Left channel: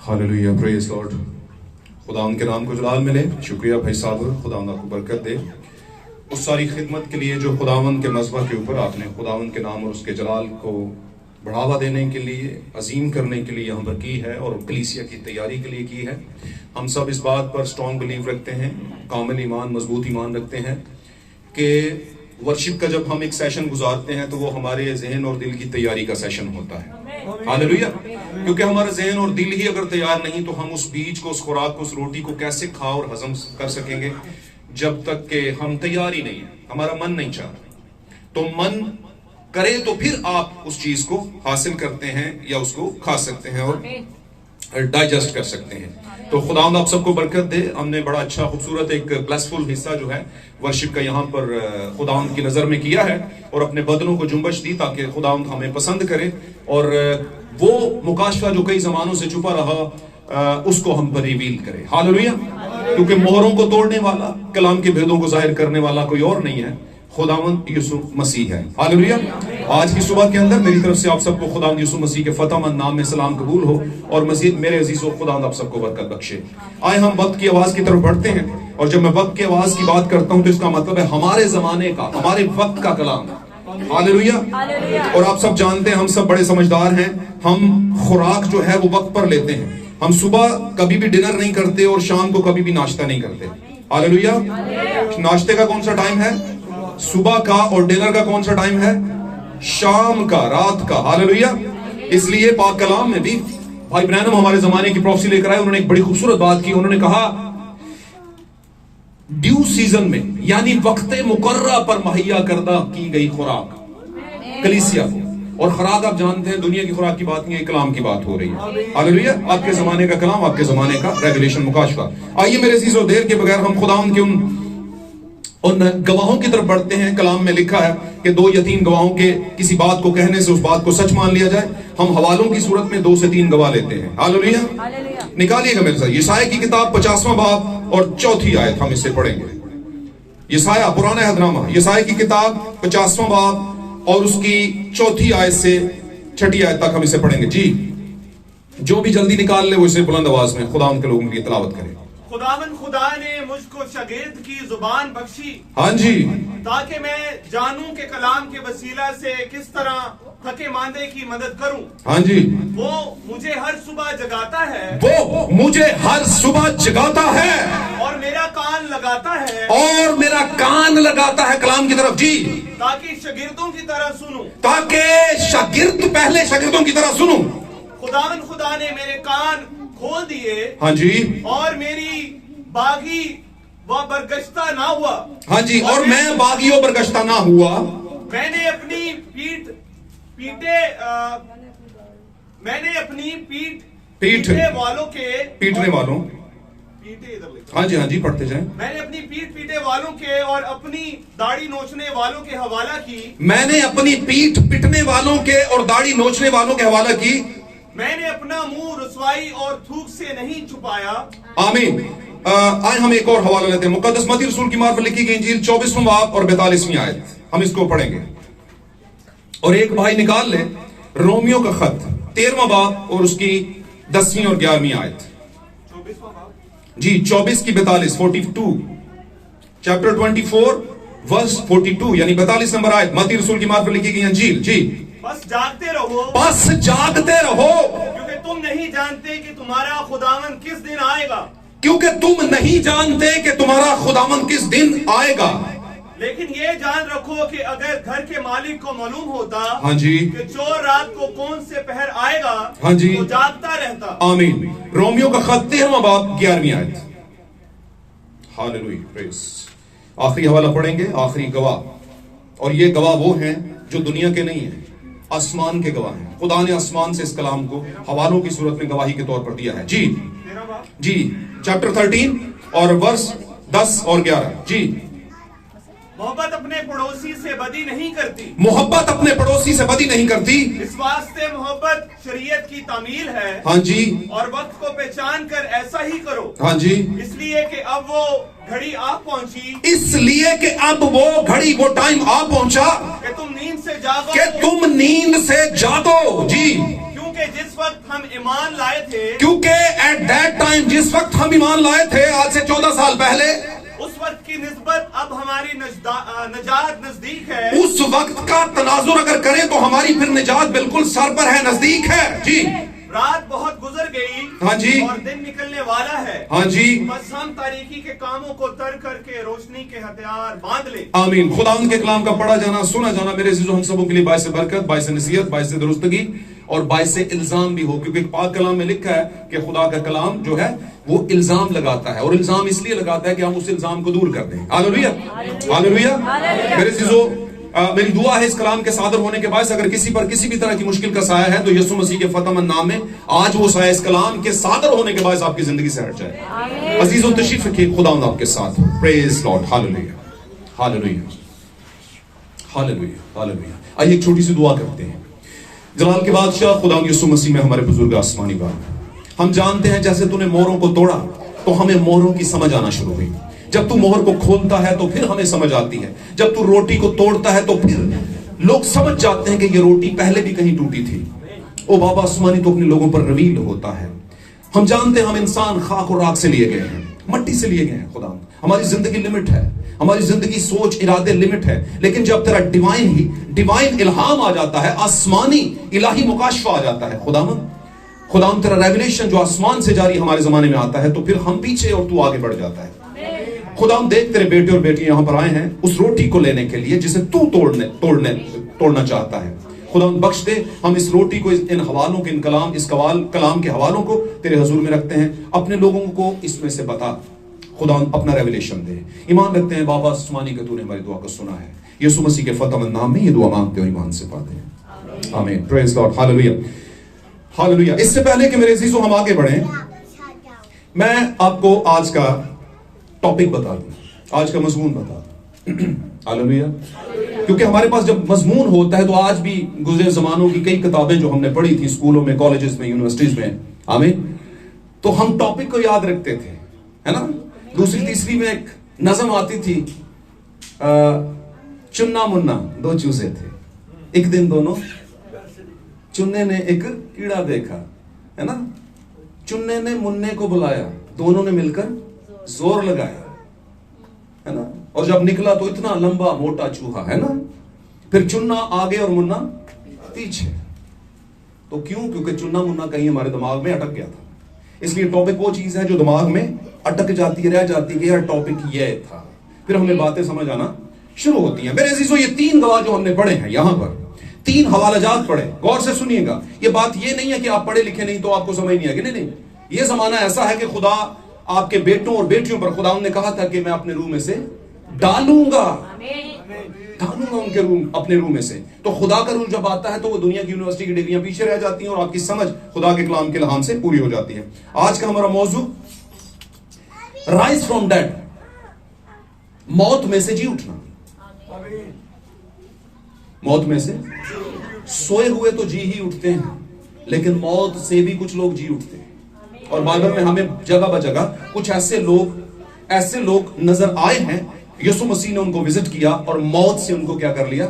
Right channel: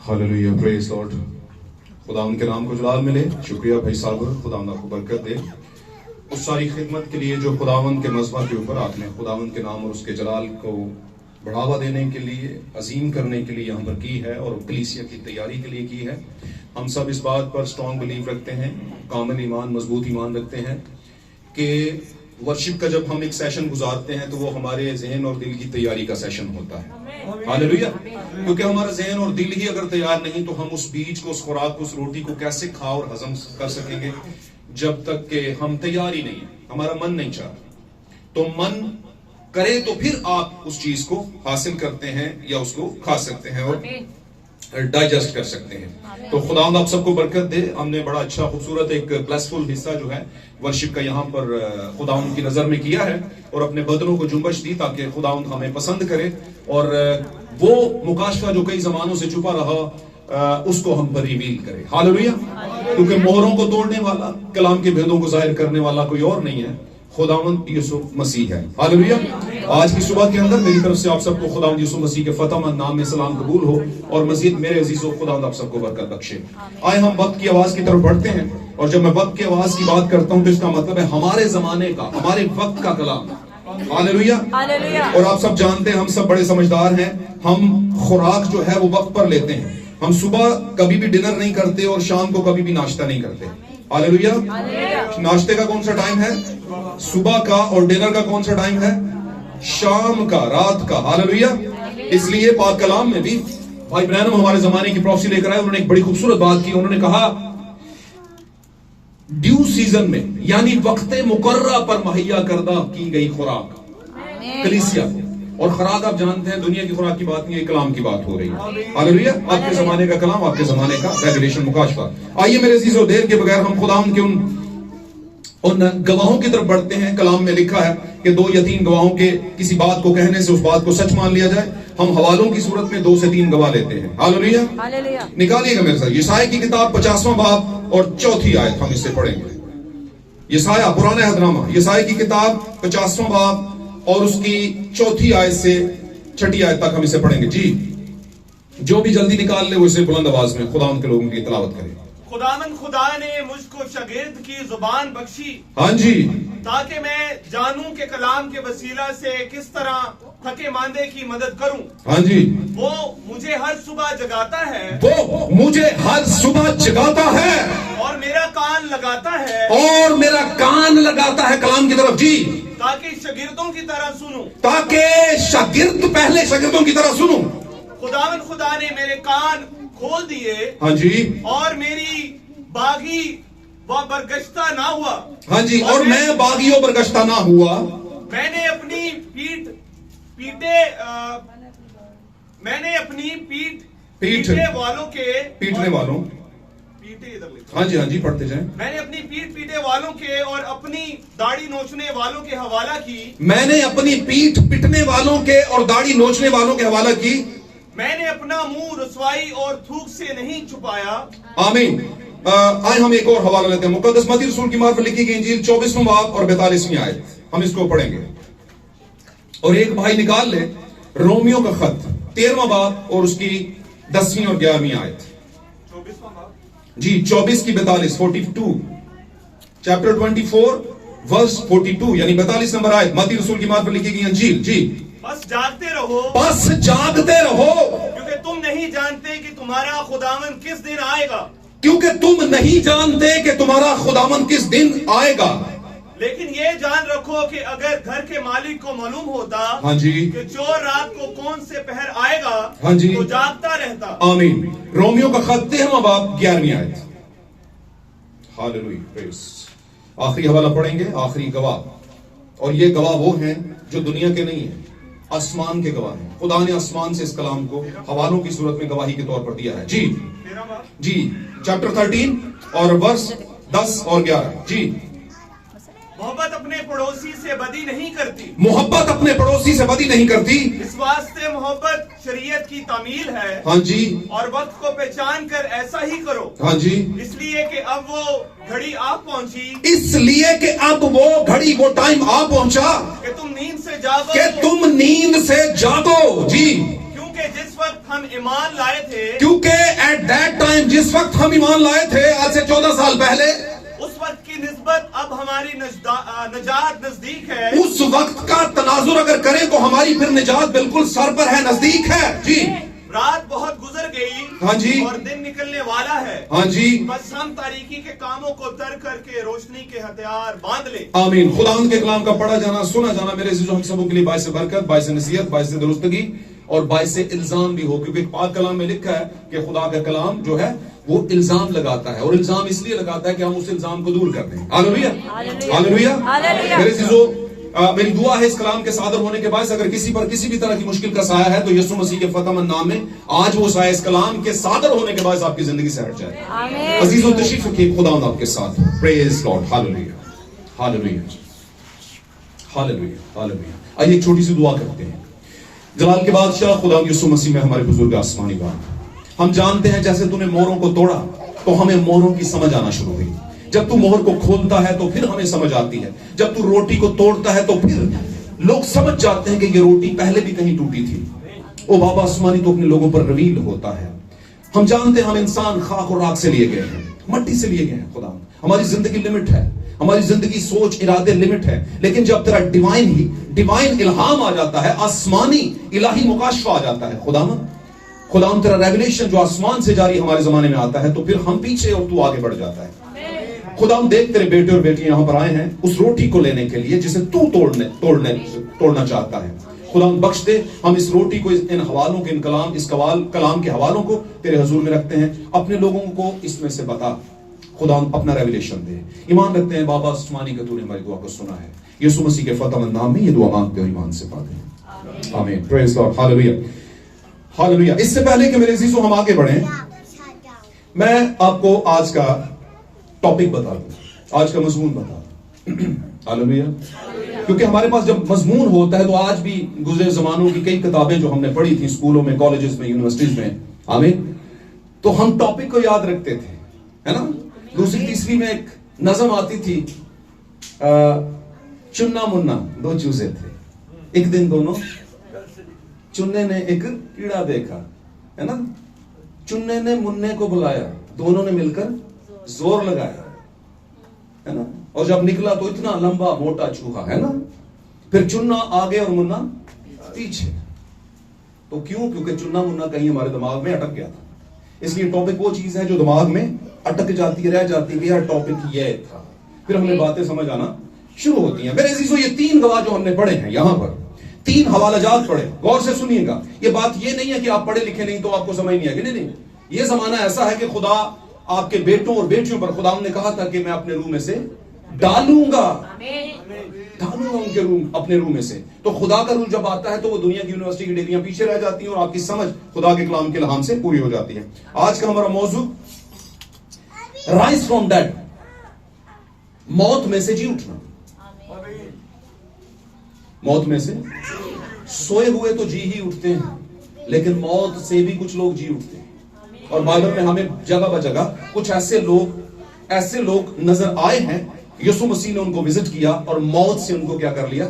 Hallelujah, praise Lord. खुदा उनके नाम को जलाल मिले। शुक्रिया भाई साहब, खुदा आपको बरकत दे उस सारी खिदमत के लिए जो खुदावंद के मज़बा के ऊपर आपने खुदावंद के नाम और उसके जलाल को बढ़ावा देने के लिए, अजीम करने के लिए यहाँ पर की है और कलीसिया की तैयारी के लिए की है। हम सब इस बात पर स्ट्रॉन्ग बिलीव रखते हैं, कामिल ईमान, मजबूत ईमान रखते हैं कि वर्शिप का जब हम एक सेशन गुजारते हैं तो वो हमारे जहन और दिल की तैयारी का सेशन होता है। हालेलुया। क्योंकि हमारा जहन और दिल ही अगर तैयार नहीं तो हम उस बीज को, उस खुराक को, उस रोटी को कैसे खा और हजम कर सकेंगे जब तक कि हम तैयार ही नहीं है, हमारा मन नहीं चाहता। तो मन करे तो फिर आप उस चीज को हासिल करते हैं या उसको खा सकते हैं और डाइजेस्ट कर सकते हैं। तो खुदावंद आप सबको बरकत दे। हमने बड़ा अच्छा खूबसूरत एक ब्लेसफुल हिस्सा जो है वर्शिप का यहाँ पर खुदावंद की नजर में किया है और अपने बदनों को जुम्बश दी ताकि खुदावंद हमें पसंद करे और वो मुकाशफा जो कई जमानों से छुपा रहा उसको हम पर रिवील करे। हालेलुया। क्योंकि मोहरों को तोड़ने वाला, कलाम के भेदों को जाहिर करने वाला कोई और नहीं है, खुदावंद यीशु मसीह है। हालेलुया। आज की सुबह के अंदर मेरी तरफ से आप सबको खुदावंद यीशु मसीह के फतेहमंद नाम में सलाम कबूल हो और मजीद मेरे अजीजों खुदावंद आप सबको बरकत बख्शे। आए हम वक्त की आवाज की तरफ बढ़ते हैं और जब मैं वक्त की आवाज की बात करता हूं तो इसका मतलब है हमारे जमाने का, हमारे वक्त का कलाम। हालेलुया। और आप सब जानते हैं, हम सब बड़े समझदार हैं, हम खुराक जो है वो वक्त पर लेते हैं। हम सुबह कभी भी डिनर नहीं करते और शाम को कभी भी नाश्ता नहीं करते। हालेलुया। नाश्ते का कौन सा टाइम है? सुबह का। और डिनर का कौन सा टाइम है? शाम का, रात का। हालेलुया। इसलिए पाक कलाम में भी भाई ब्रैनम हमारे जमाने की प्रोफेसी लेकर आए, उन्होंने एक बड़ी खूबसूरत बात की। उन्होंने कहा ड्यू सीजन में यानी वक्ते मुकर्रा पर मुहैया करदा की गई खुराक कलीसिया को, और खुराक आप जानते हैं दुनिया की खुराक की बात नहीं है, कलाम की बात हो रही है। हालेलुया। आपके जमाने का कलाम, आपके जमाने का रेवलेशन, मुकाशफा। आइए मेरे अजीजो, देर के बगैर हम खुदावंद के उन गवाहों की तरफ बढ़ते हैं। कलाम में लिखा है कि 2 या 3 गवाहों के किसी बात को कहने से उस बात को सच मान लिया जाए। हम हवालों की सूरत में 2 से 3 गवाह लेते हैं। हालेलुया। निकालिएगा मेरे साथ यशाया की किताब 50वां बाब और 4थी आयत हम इससे पढ़ेंगे। यशाया, पुराना अहदनामा, यशाया की किताब 50वां बाब और उसकी 4थी आयत से 6ठी आयत तक हम इसे पढ़ेंगे। जी, जो भी जल्दी निकाल ले वो इसे बुलंद आवाज में खुदा के लोगों की तिलावत करे। खुदावन खुदा ने मुझको शागिर्द की जुबान बख्शी, हाँ जी, ताकि मैं जानूं के कलाम के वसीला से किस तरह थके मांदे की मदद करूं। हाँ जी। वो मुझे हर सुबह जगाता है, वो मुझे हर सुबह जगाता है और मेरा कान लगाता है, और मेरा कान लगाता है कलाम की तरफ। जी, ताकि शागिर्दों की तरह सुनूं, ताकि शागिर्द पहले शागिर्दों की तरह सुनूं। खुदावन खुदा ने मेरे कान खोल दिए, हाँ जी, और मेरी बागी व बरगश्ता ना हुआ। हाँ जी, और मैं बागी और बरगश्ता ना हुआ। मैंने अपनी पीठ पीटने वालों हाँ जी, हाँ जी, पढ़ते जाएं। मैंने अपनी पीठ पीटे वालों के और अपनी दाढ़ी नोचने वालों के हवाला की। मैंने अपनी पीठ पिटने वालों के और दाढ़ी नोचने वालों के हवाला की। मैंने अपना मुंह रुसवाई और थूक से नहीं छुपाया। आमीन। आज हम एक और हवाला लेते हैं। मुकद्दस मत्ती रसूल की मार्फत लिखी गई इंजील 24वां बाब और 42वीं आयत, हम इसको पढ़ेंगे। और एक भाई निकाल ले रोमियो का खत 13वां बाब और उसकी 10वीं और 11वीं आयत। 24वां बाब जी, 24 की 42, 42, चैप्टर 24 वर्स 42 यानी 42 नंबर आयत, मत्ती रसूल की मार्फत लिखी गई इंजील। जी, बस जागते रहो, बस जागते रहो, क्योंकि तुम नहीं जानते कि तुम्हारा खुदावन किस दिन आएगा। क्योंकि तुम नहीं जानते कि तुम्हारा खुदावन किस दिन आएगा। लेकिन ये जान रखो कि अगर घर के मालिक को मालूम होता, हाँ जी, कि चोर रात को कौन से पहर आएगा, हाँ जी, तो जागता रहता। आमीन। रोमियो का खत 13वां बाब 11वीं आयत। Hallelujah, praise. आखिरी हवाला पढ़ेंगे, आखिरी गवाह। और ये गवाह वो हैं जो दुनिया के नहीं है, आसमान के गवाह हैं। खुदा ने आसमान से इस कलाम को हवालों की सूरत में गवाही के तौर पर दिया है। जी जी, चैप्टर 13 और वर्स 10 और 11। जी, मोहब्बत अपने पड़ोसी से बदी नहीं करती। मोहब्बत अपने पड़ोसी से बदी नहीं करती। इस वास्ते मोहब्बत शरीयत की तामील है। हाँ जी। और वक्त को पहचान कर ऐसा ही करो। हाँ जी। इसलिए कि अब वो घड़ी आ पहुंची। इसलिए कि अब वो घड़ी, वो टाइम आ पहुंचा कि तुम नींद से जागो। कि तुम नींद से जागो। जी। क्योंकि जिस वक्त हम ईमान लाए थे, क्योंकि एट दैट टाइम, जिस वक्त हम ईमान लाए थे आज से 14 साल पहले, उस वक्त की निस्बत अब हमारी निजात नजदीक है। उस वक्त का तनाजुर अगर करें तो हमारी फिर निजात बिल्कुल सर पर है, नजदीक है। जी। रात बहुत गुजर गई। हाँ जी। और दिन निकलने वाला है। हाँ जी। बस हम तारीकी के कामों को तर्क करके रोशनी के हथियार बांध ले। आमीन। खुदा उनके कलाम का पढ़ा जाना, सुना जाना मेरे अजीजों हम सबों के लिए बायस बरकत, बायस नसीहत, बायस दुरुस्तगी और बायस इल्जाम भी हो, क्योंकि पाक कलाम में लिखा है कि खुदा का कलाम जो है वो इल्जाम लगाता है, और इल्जाम इसलिए लगाता है कि हम उस इल्जाम को दूर कर दें। Hallelujah, hallelujah. मेरे अजीजों, मेरी दुआ है इस कलाम के सादर होने के बाद अगर किसी पर किसी भी तरह की मुश्किल का साया है तो यीशु मसीह के फतहमंद नाम में आज वो साया इस कलाम के सादर होने के बाद आपकी जिंदगी से हट जाए। अजीजों तशरीफ रखिए, खुदावंद आपके साथ। Praise Lord. Hallelujah, hallelujah, hallelujah, hallelujah. आइए एक छोटी सी दुआ करते हैं। जलाल के बादशाह खुदा यीशु मसीह में हमारे बुजुर्ग आसमानी बाप, हम जानते हैं जैसे तूने मोहरों को तोड़ा तो हमें मोहरों की समझ आना शुरू हुई। जब तू मोहर को खोलता है तो फिर हमें समझ आती है। जब तू रोटी को तोड़ता है तो फिर लोग समझ जाते हैं कि ये रोटी पहले भी कहीं टूटी थी। ओ बाबा आसमानी, तो अपने लोगों पर रवील होता है। हम जानते हैं हम इंसान खाक और राख से लिए गए हैं, मट्टी से लिए गए हैं। खुदा, हमारी जिंदगी लिमिट है, हमारी जिंदगी सोच इरादे लिमिट है, लेकिन जब तेरा डिवाइन इल्हाम आ जाता है, आसमानी इलाही मुकाशफा आ जाता है, खुदा तेरा रेवलेशन जो आसमान से जारी हमारे जमाने में आता है, तो फिर हम पीछे और तू आगे बढ़ जाता है। खुदा देख तेरे बेटे और बेटियां यहां पर आए हैं उस रोटी को लेने के लिए जिसे तू तोड़ना चाहता है। खुदा बख्श दे, हम इस रोटी को, इन हवालों के, इन कलाम के हवालों को तेरे हजूर में रखते हैं। अपने लोगों को इसमें से बता खुदा, अपना रेवलेशन दे। ईमान रखते हैं बाबा आसमानी का तूने हमारी दुआ को सुना है। यीशु मसीह के फतहमंद नाम में ये दुआ मांगते हो, ईमान से पाते हैं। आमीन। Praise Lord. Hallelujah, hallelujah. इससे पहले कि मेरे अजीजों हम आगे बढ़ें, मैं आपको आज का टॉपिक बता दूं, आज का मजमून बता दूं। हालेलुया। क्योंकि हमारे पास जब मजमून होता है तो आज भी गुजरे जमानों की कई किताबें जो हमने पढ़ी थी स्कूलों में, कॉलेजेस में, यूनिवर्सिटीज में, आमीन, तो हम टॉपिक को याद रखते थे, है ना। दूसरी तीसरी में एक नज़म आती थी, चुन्ना मुन्ना दो चूजे थे, एक दिन दोनों चुन्ने ने एक कीड़ा देखा, है ना। चुन्ने ने मुन्ने को बुलाया, दोनों ने मिलकर जोर लगाया, है ना। और जब निकला तो इतना लंबा मोटा चूहा, है ना। फिर चुन्ना आगे और मुन्ना पीछे। तो क्यों? क्योंकि चुन्ना मुन्ना कहीं हमारे दिमाग में अटक गया था। इसलिए टॉपिक वो चीज है जो दिमाग में अटक जाती, रह जाती है, यार टॉपिक ये था। फिर हमें बातें समझ आना शुरू होती हैं। मेरे अजीजों, ये 3 गवाह जो हमने पढ़े हैं यहां पर, 3 हवालाजात पढ़े, गौर से सुनिएगा। ये बात ये नहीं है कि आप पढ़े लिखे नहीं तो आपको समझ नहीं आएगी, नहीं। ये जमाना ऐसा है कि खुदा आपके बेटों और बेटियों पर, खुदा ने कहा था कि मैं अपने रूह में से डालूंगा उनके रूम, अपने रूह में से। तो खुदा का रूह जब आता है तो वो दुनिया की यूनिवर्सिटी की डिग्रियां पीछे रह जाती हैं और आपकी समझ खुदा के कलाम के इल्हाम से पूरी हो जाती है। आज का हमारा मौजू राइज फ्रॉम डेड, मौत में से जी उठना। मौत में से, सोए हुए तो जी ही उठते हैं, लेकिन मौत से भी कुछ लोग जी उठते हैं। और बाइबल में हमें जगह ब जगह कुछ ऐसे लोग नजर आए हैं, यीशु मसीह ने उनको विजिट किया और मौत से उनको क्या कर लिया?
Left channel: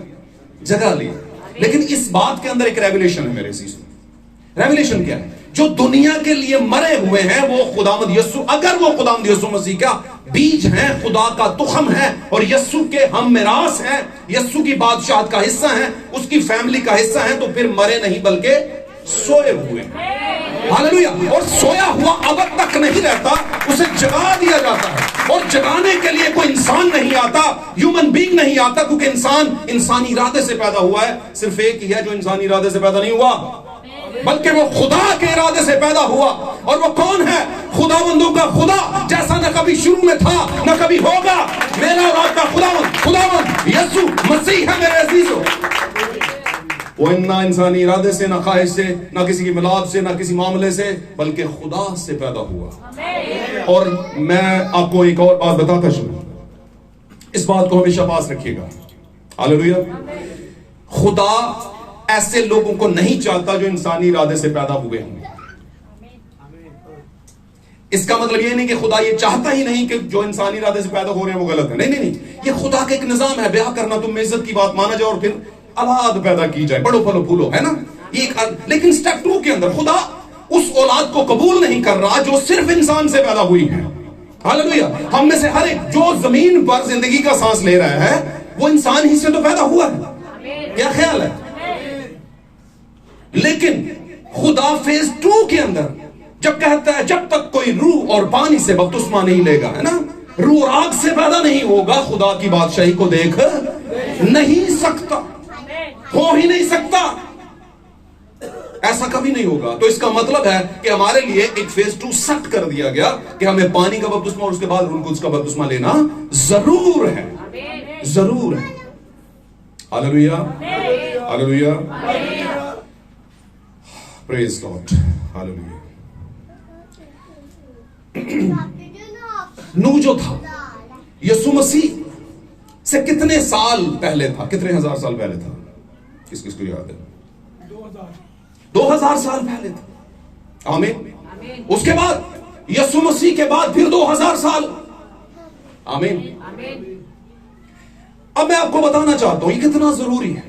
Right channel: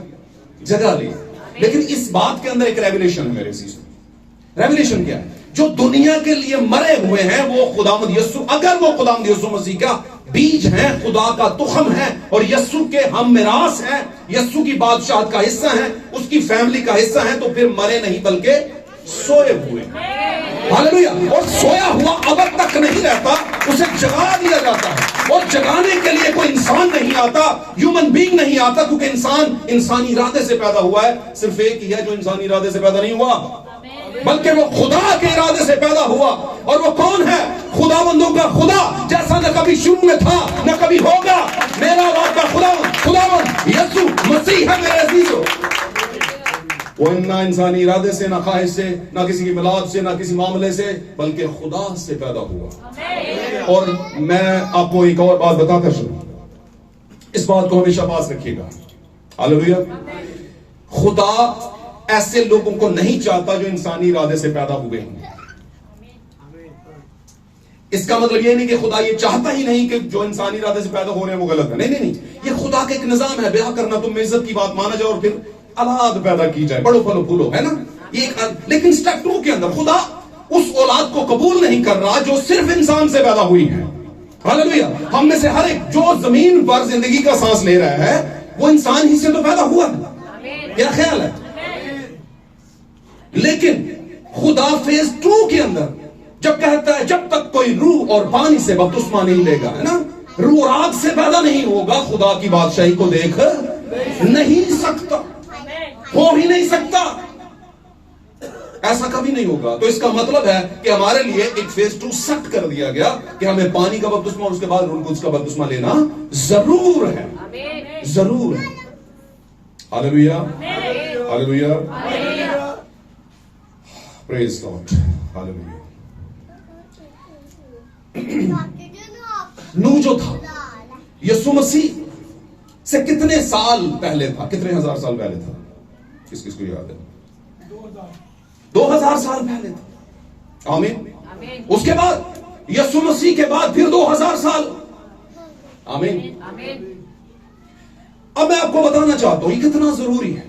जगा लिया। लेकिन इस बात के अंदर एक रेवलेशन है मेरे सीस। रेवलेशन क्या है? जो दुनिया के लिए मरे हुए हैं वो खुदावंद यीशु, अगर वो खुदावंद यीशु मसीह का बीज है, खुदा का तुखम है और यीशु के हम मिरास हैं, यीशु की बादशाहत का हिस्सा है, उसकी फैमिली का हिस्सा है, तो फिर मरे नहीं बल्कि सोए हुए हैं। हालेलुया। और सोया हुआ अब तक नहीं रहता, उसे जगा दिया जाता है। और जगाने के लिए कोई इंसान नहीं आता, ह्यूमन बीइंग नहीं आता, क्योंकि इंसान इंसानी इरादे से पैदा हुआ है। सिर्फ एक ही है जो इंसानी इरादे से पैदा नहीं हुआ, बल्कि वो खुदा के इरादे से पैदा हुआ। और वो कौन है? खुदावंदों का खुदा, जैसा न कभी शुरू में था न कभी होगा। मेरा बाप का खुदावंद यीशु मसीह है मेरे अजीजों। वो ना इंसानी इरादे से, ना ख्वाहिश से, ना किसी की मिलाद से, ना किसी मामले से, बल्कि खुदा से पैदा हुआ। और मैं आपको एक और बात बताता चलूं, इस बात को हमेशा पास रखिएगा। हालेलुया। खुदा ऐसे लोगों को नहीं चाहता जो इंसानी इरादे से पैदा हुए हैं। इसका मतलब ये नहीं कि खुदा ये चाहता ही नहीं कि जो इंसानी इरादे से पैदा हो रहे हैं वो गलत है। नहीं नहीं नहीं, ये खुदा का एक निजाम है। ब्याह करना तो इज्जत की बात माना जाए और फिर औलाद पैदा की जाए, बड़ो फलो फूलो, है ना ये लेकिन स्टेप 2 के अंदर खुदा उस औलाद को कबूल नहीं कर रहा जो सिर्फ इंसान से पैदा हुई है। हालेलुया। हम में से हर एक जो जमीन पर जिंदगी का सांस ले रहा है वो इंसान ही से तो पैदा हुआ है। क्या ख्याल है? लेकिन खुदा फेज 2 के अंदर जब कहता है जब तक कोई रूह और पानी से बपतिस्मा नहीं लेगा, है ना, रूह और आग से पैदा नहीं होगा, खुदा की बादशाही को देख नहीं सकता, हो ही नहीं सकता, ऐसा कभी नहीं होगा। तो इसका मतलब है कि हमारे लिए एक फेज 2 सख्त कर दिया गया कि हमें पानी का बपतिस्मा और उसके बाद रूह कुद्स का बपतिस्मा लेना जरूर है, जरूर है। Hallelujah, hallelujah, praise God, hallelujah. नूह जो था यीशु मसीह से कितने साल पहले था, कितने हजार साल पहले था? किस किस को याद है? 2000 साल पहले था। आमीन। उसके बाद यीशु मसीह के बाद फिर 2000 साल। आमीन। अब मैं आपको बताना चाहता हूं ये कितना जरूरी है।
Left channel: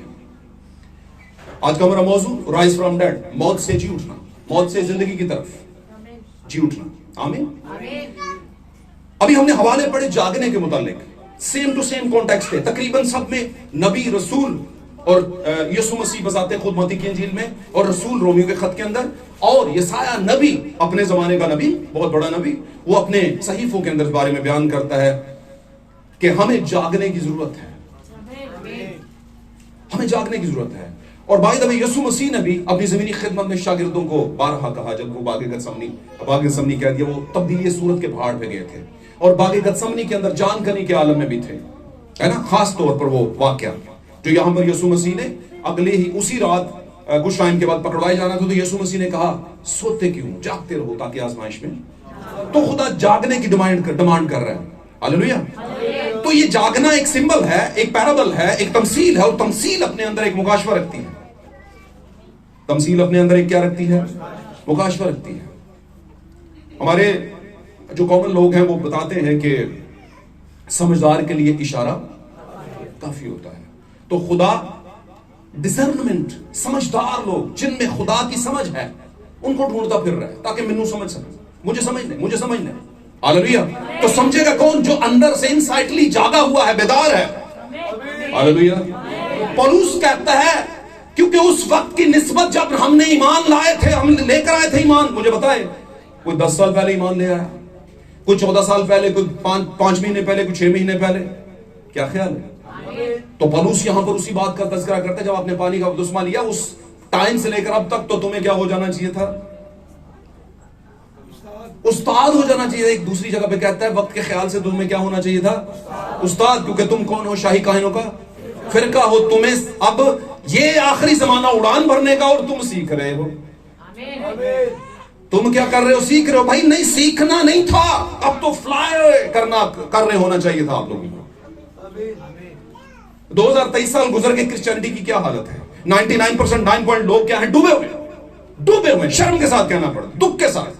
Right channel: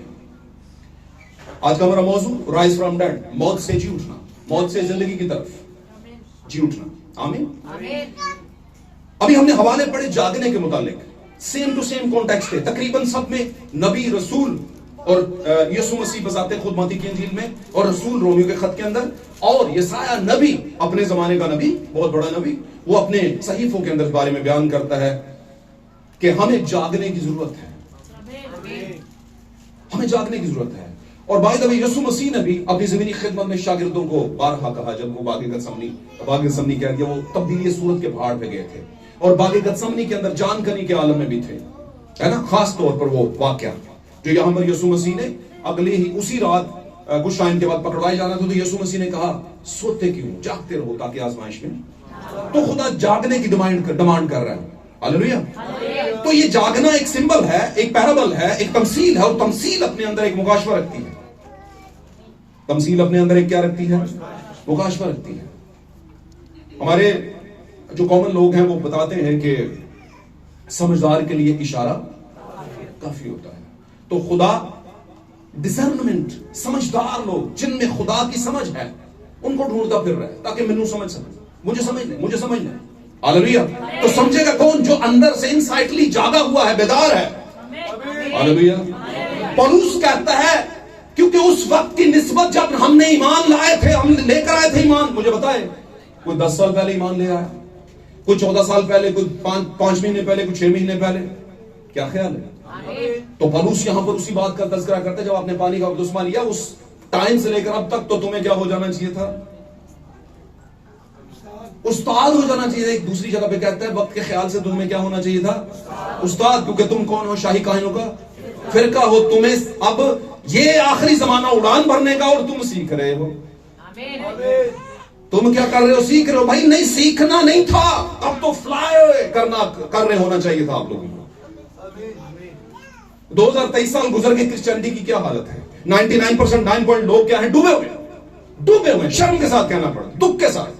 आज का हमारा मौजू राइज फ्रॉम डेड, मौत से जी उठना, मौत से जिंदगी की तरफ जी उठना। आमीन। अभी हमने हवाले पढ़े जागने के मुतालिक, सेम टू सेम कॉन्टेक्स्ट है तकरीबन सब में। नबी, रसूल और यीशु मसीह बजाते खुद मत्ती की इंजील में, और रसूल रोमियो के खत के अंदर, और यसाया नबी अपने जमाने का नबी, बहुत बड़ा नबी, वो अपने सहीफों के अंदर इस बारे में बयान करता है कि हमें जागने की जरूरत है, हमें जागने की जरूरत है। और बाय द वे यीशु मसीह ने भी अपनी ज़मीनी खिदमत में शागिर्दों को बारहा कहा, जब वो बागे गतसमनी कह दिया, वो तब्दीली सूरत के पहाड़ पे गए थे और बागे गतसमनी के अंदर जानकनी के आलम में भी थे, है ना, खास तौर पर वो वाकया जो यहां पर यीशु मसीह ने अगले ही उसी रात गुशाइन के बाद पकड़वाए जाना था, तो यीशु मसीह ने कहा सोते क्यों, जागते रहो ताकि आजमाइश में। तो खुदा जागने की डिमांड कर रहा है। हालेलुया। तो ये जागना एक सिंबल है, एक पैराबल है, एक तमसील है, और तमसील अपने अंदर एक मुकाशवा रखती है। तमसील अपने अंदर एक क्या रखती है? मुकाशवा रखती है। हमारे जो कॉमन लोग हैं वो बताते हैं कि समझदार के लिए इशारा काफी होता है। तो खुदा डिसर्नमेंट, समझदार लोग जिनमें खुदा की समझ है उनको ढूंढता फिर रहा है ताकि मैनू समझ सके, मुझे समझ ले। हालेलुया। तो समझेगा कौन? जो अंदर से इनसाइटली जागा हुआ है, बेदार है। हालेलुया। पौलुस कहता है क्योंकि उस वक्त की निस्बत जब हमने ईमान लाए थे, हम लेकर आए थे ईमान, मुझे बताए कोई 10 साल पहले ईमान ले आया, कोई 14 साल पहले, कोई 5 महीने पहले, कोई 6 महीने पहले। क्या ख्याल है? तो पौलुस यहां पर उसी बात का तज़किरा करता है, जब आपने पानी का बपतिस्मा लिया उस टाइम से लेकर अब तक तो तुम्हें क्या हो जाना चाहिए था? उस्ताद हो जाना चाहिए। एक दूसरी जगह पे कहता है वक्त के ख्याल से तुम्हें क्या होना चाहिए था? उस्ताद। क्योंकि तुम कौन हो? शाही काहियों का फिरका हो। तुम्हें अब ये आखिरी जमाना उड़ान भरने का और तुम सीख रहे हो। तुम क्या कर रहे हो? सीख रहे हो। भाई नहीं, सीखना नहीं था, अब तो फ्लाई कर रहे होना चाहिए था आप लोगों को। 2023 साल गुजर के क्रिश्चियनिटी की क्या हालत है? 99% 9 पॉइंट लोग क्या है? डूबे हुए, शर्म के साथ कहना पड़ा, दुख के साथ।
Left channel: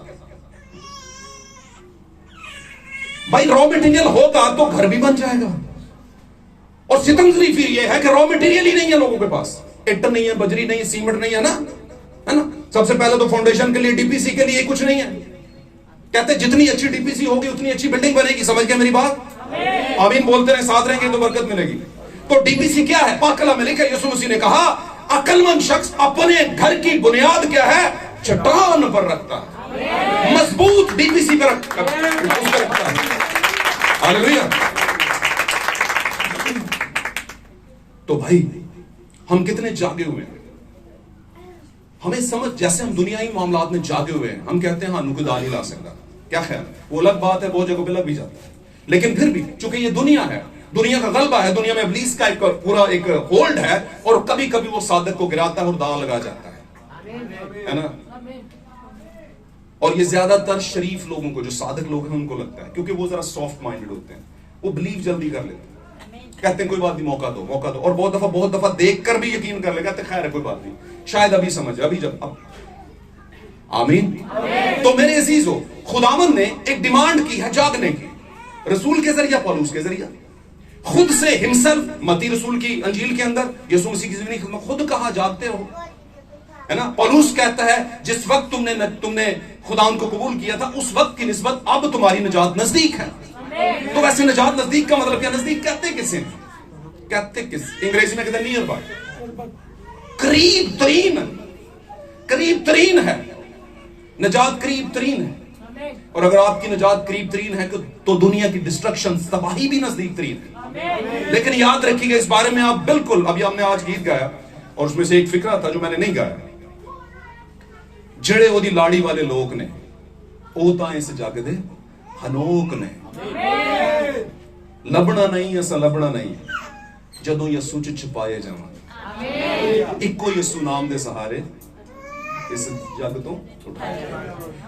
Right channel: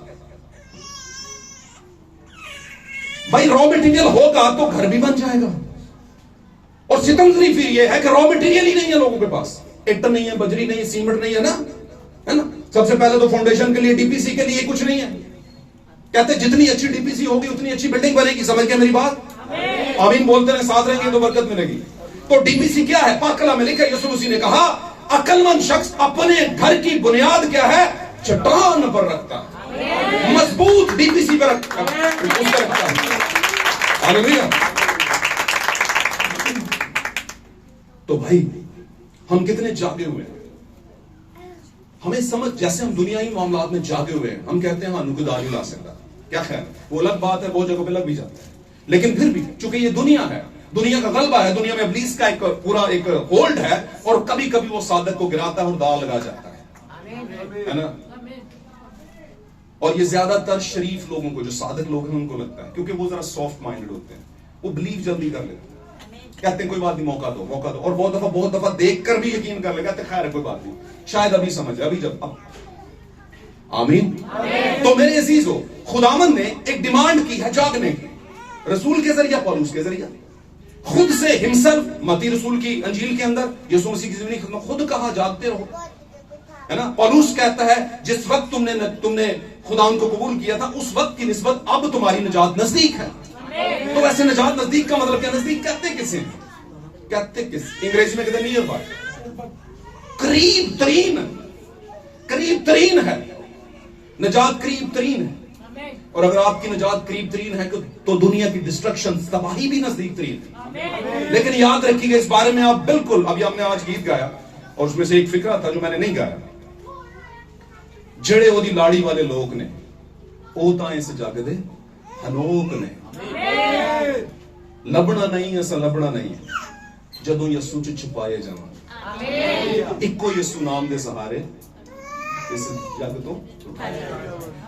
भाई रॉ मटेरियल होगा तो घर भी बन जाएगा, और सितम फिर ये है कि रॉ मटेरियल ही नहीं है लोगों के पास। इट नहीं है, बजरी नहीं है, सीमेंट नहीं है ना, है ना। सबसे पहले तो फाउंडेशन के लिए, डीपीसी के लिए कुछ नहीं है। कहते जितनी अच्छी डीपीसी होगी उतनी अच्छी बिल्डिंग बनेगी। समझ गए मेरी बात? आमीन बोलते रहे, साथ रहेंगे तो बरकत मिलेगी। तो डीपीसी क्या है? पाक कलाम में लिखा, यीशु मसीह ने कहा अक्लमंद शख्स अपने घर की बुनियाद क्या है? चट्टान पर रखता है, मजबूत डीपीसी पर रखता है। हालेलुया। तो भाई हम कितने जागे हुए हैं, हमें समझ, जैसे हम दुनियाई मामलात में जागे हुए हैं, हम कहते हैं हाँ नुकदार ही ला सकता। क्या ख्याल? वो अलग बात है, बहुत जगह पे लग भी जाता है, लेकिन फिर भी चूंकि ये दुनिया है, दुनिया का गलबा है, दुनिया में इब्लीस का एक पूरा एक होल्ड है, और कभी कभी वो सादक को गिराता है और दाल लगा जाता है ना। और ये ज्यादातर शरीफ लोगों को, जो सादक लोग हैं, उनको लगता है, क्योंकि वो जरा सॉफ्ट माइंडेड होते हैं, वो बिलीव जल्दी कर लेते हैं। कहते हैं कोई बात नहीं, मौका दो मौका दो, और बहुत दफा देख कर भी यकीन कर लेगा तो खैर है कोई बात नहीं, शायद अभी समझ, अभी जब अब। आमीन। तो मेरे अजीजों, खुदावंद ने एक डिमांड की है जागने की, रसूल के जरिए, पौलुस के जरिए, खुद से हिमसेल्फ, मती रसूल की अंजील के अंदर यीशु मसीह की जिंदगी में खुद कहा जागते रहो, है ना। पौलुस कहता है जिस वक्त तुमने खुदावंद को कबूल किया था उस वक्त की निस्बत अब तुम्हारी निजात नजदीक है। तो वैसे निजात नजदीक का मतलब क्या? नजदीक कहते किसे? कहते किस? अंग्रेजी में कहते हैं नियर बाय, करीब तरीन है निजात, करीब तरीन है। और अगर आपकी निजात करीब तरीन है तो दुनिया की डिस्ट्रक्शन, तबाही भी नजदीक तरीन है। लेकिन याद रखिएगा इस बारे में आप बिल्कुल, अभी हमने आज गीत गाया और उसमें से एक फिक्रा था जो मैंने नहीं गाया, जेड़े ओदी लाड़ी वाले लोग ने ओ तां इस जग दे हनोक ने लभना नहीं, असा लभना नहीं जदों यसू च छुपाए जावां, इको यसू नाम दे सहारे इस जग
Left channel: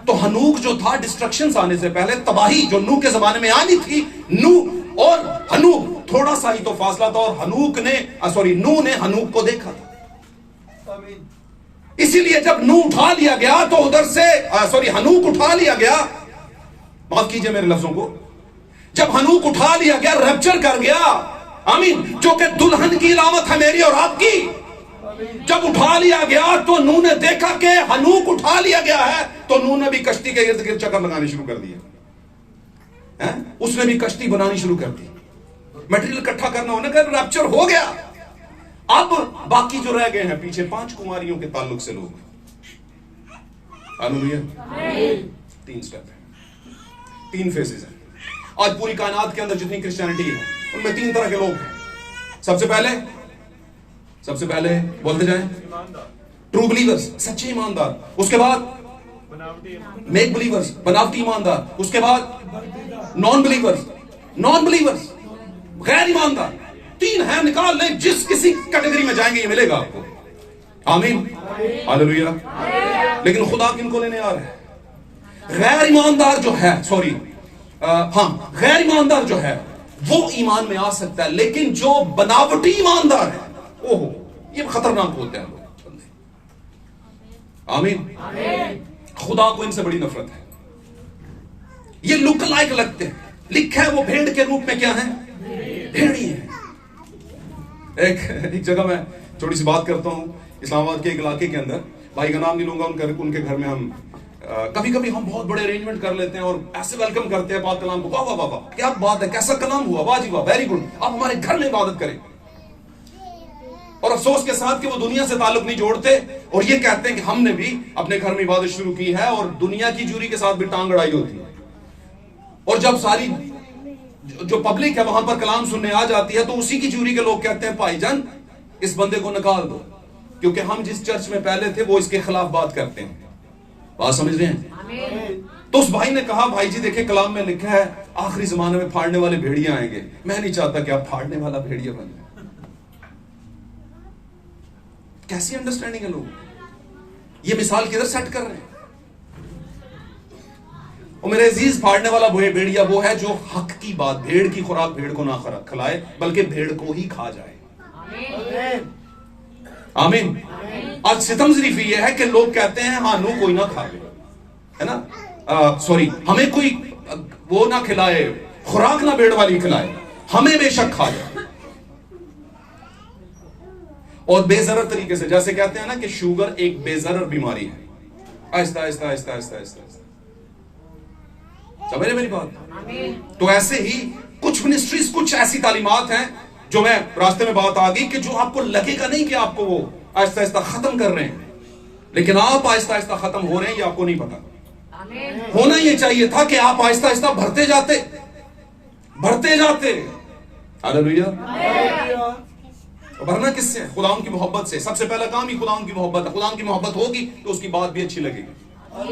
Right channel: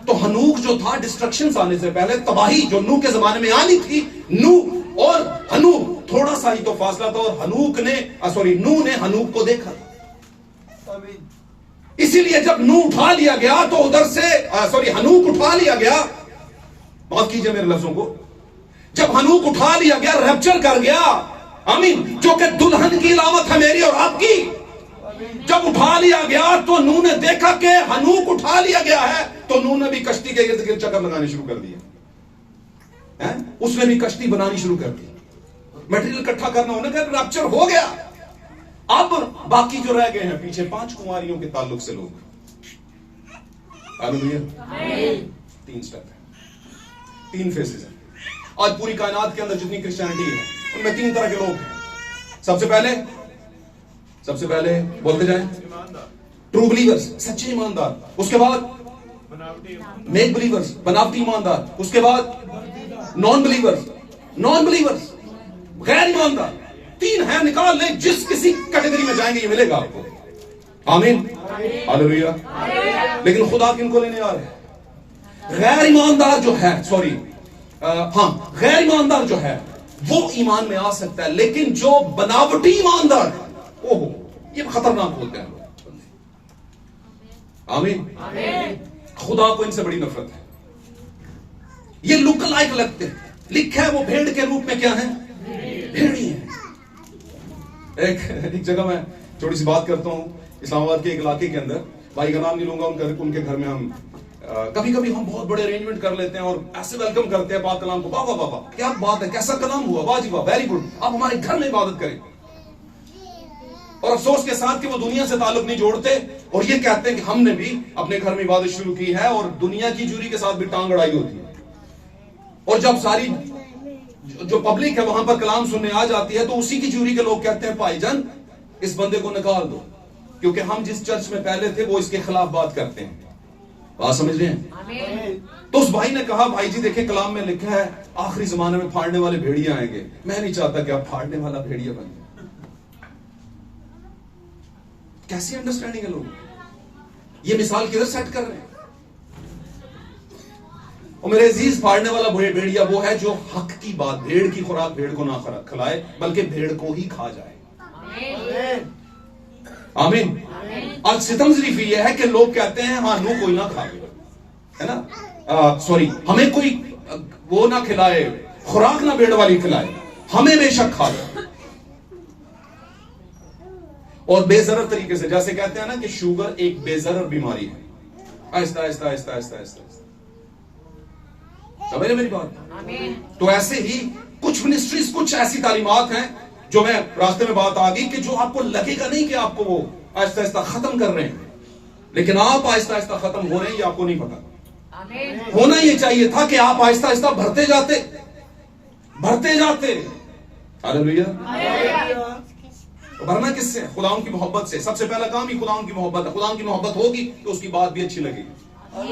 तो हनूक जो था डिस्ट्रक्शन आने से पहले, तबाही जो नूह के जमाने में आई थी, नूह और हनूक थोड़ा सा ही तो फासला था, और नूह ने हनूक को देखा था। इसीलिए जब नूह उठा लिया गया तो उधर से हनूक उठा लिया गया, माफ कीजिए मेरे लफ्जों को, जब हनूक उठा लिया गया, रैप्चर कर गया, आमीन, जो कि दुल्हन की इलामत है मेरी और आपकी, जब उठा लिया गया तो नूह ने देखा कि हनूक उठा लिया गया है, तो नूह ने भी कश्ती के इर्द गिर्द चक्कर लगाने शुरू कर दिए, उसने भी कश्ती बनानी शुरू कर दी, मटेरियल इकट्ठा करना, होने का रैप्चर हो गया। अब बाकी जो रह गए हैं पीछे 5 कुंवारियों के ताल्लुक से लोग, हालेलुया, 3 स्टेप है, 3 फेसेस है। आज पूरी कायनात के अंदर जितनी क्रिश्चियनिटी है उनमें 3 तरह के लोग हैं। सबसे पहले बोलते जाएं, ट्रू बिलीवर्स, सच्चे ईमानदार, उसके बाद मेक बिलीवर्स, बनावटी ईमानदार, उसके बाद नॉन बिलीवर्स, गैर ईमानदार। 3 है, निकाल ले, जिस किसी कैटेगरी में जाएंगे ये मिलेगा आपको। आमीन, हालेलुया। लेकिन खुदा किनको लेने आ रहा है? गैर ईमानदार जो है, गैर ईमानदार जो है वो ईमान में आ सकता है, लेकिन जो बनावटी ईमानदार है, ओहो, ये खतरनाक होते हैं लोग। आमीन। खुदा को इनसे बड़ी नफरत है। ये लुक लाइक लगते हैं, लिखा है वो भेड़ के रूप में क्या है? भेड़ी है। एक जगह मैं थोड़ी सी बात करता हूं, इस्लामाबाद के एक इलाके के अंदर, भाई का नाम नहीं लूंगा, उनके घर में हम कभी कभी हम बहुत बड़े अरेंजमेंट कर लेते हैं और ऐसे वेलकम करते हैं पाक कलाम को, वाह वाह वाह, क्या बात है, कैसा कलाम हुआ, वाह जी वाह, वेरी गुड, आप हमारे घर में इबादत करें। और अफसोस के साथ कि वो दुनिया से ताल्लुक नहीं जोड़ते और ये कहते हैं कि हमने भी अपने घर में इबादत शुरू की है, और दुनिया की जूरी के साथ भी टांग अड़ाई होती है। और जब सारी जो पब्लिक है वहां पर कलाम सुनने आ जाती है तो उसी की जूरी के लोग कहते हैं भाईजान इस बंदे को निकाल दो, क्योंकि हम जिस चर्च में पहले थे वो इसके खिलाफ बात करते हैं। बात समझ रहे हैं? तो उस भाई ने कहा, भाई जी देखे कलाम में लिखा है आखिरी जमाने में फाड़ने वाले भेड़िया आएंगे, मैं नहीं चाहता कि आप फाड़ने वाला भेड़िया बने। कैसी अंडरस्टैंडिंग है लोग? ये मिसाल किधर सेट कर रहे हैं? और मेरे अजीज, फाड़ने वाला भेड़िया वो है जो हक की बात, भेड़ की खुराक भेड़ को ना खिलाए बल्कि भेड़ को ही खा जाए। आमीन। आज सितम सिर्फ ये है कि लोग कहते हैं हाँ नो कोई ना खाए, है ना, हमें कोई वो ना खिलाए, खुराक ना भेड़ वाली खिलाए, हमें बेशक खाए। और बेजरर तरीके से, जैसे कहते हैं ना कि शुगर एक बेजरर बीमारी है, आहिस्ता आहिस्ता आहिस्ता आहिस्ता आहिस्ता, समझे मेरी बात? तो ऐसे ही कुछ मिनिस्ट्रीज, कुछ ऐसी तालीमात हैं जो मैं रास्ते में बात आ गई कि जो आपको लगेगा नहीं कि आपको वो आहिस्ता आहिस्ता खत्म कर रहे हैं, लेकिन आप आहिस्ता आहिस्ता खत्म हो रहे हैं ये आपको नहीं पता। होना ये चाहिए था कि आप आहिस्ता आहिस्ता भरते जाते। हालेलुया। भरना किससे? खुदाउन की मोहब्बत से। सबसे पहला काम ही खुदाउन की मोहब्बत है। खुदाउन की मोहब्बत होगी तो उसकी बात भी अच्छी लगेगी,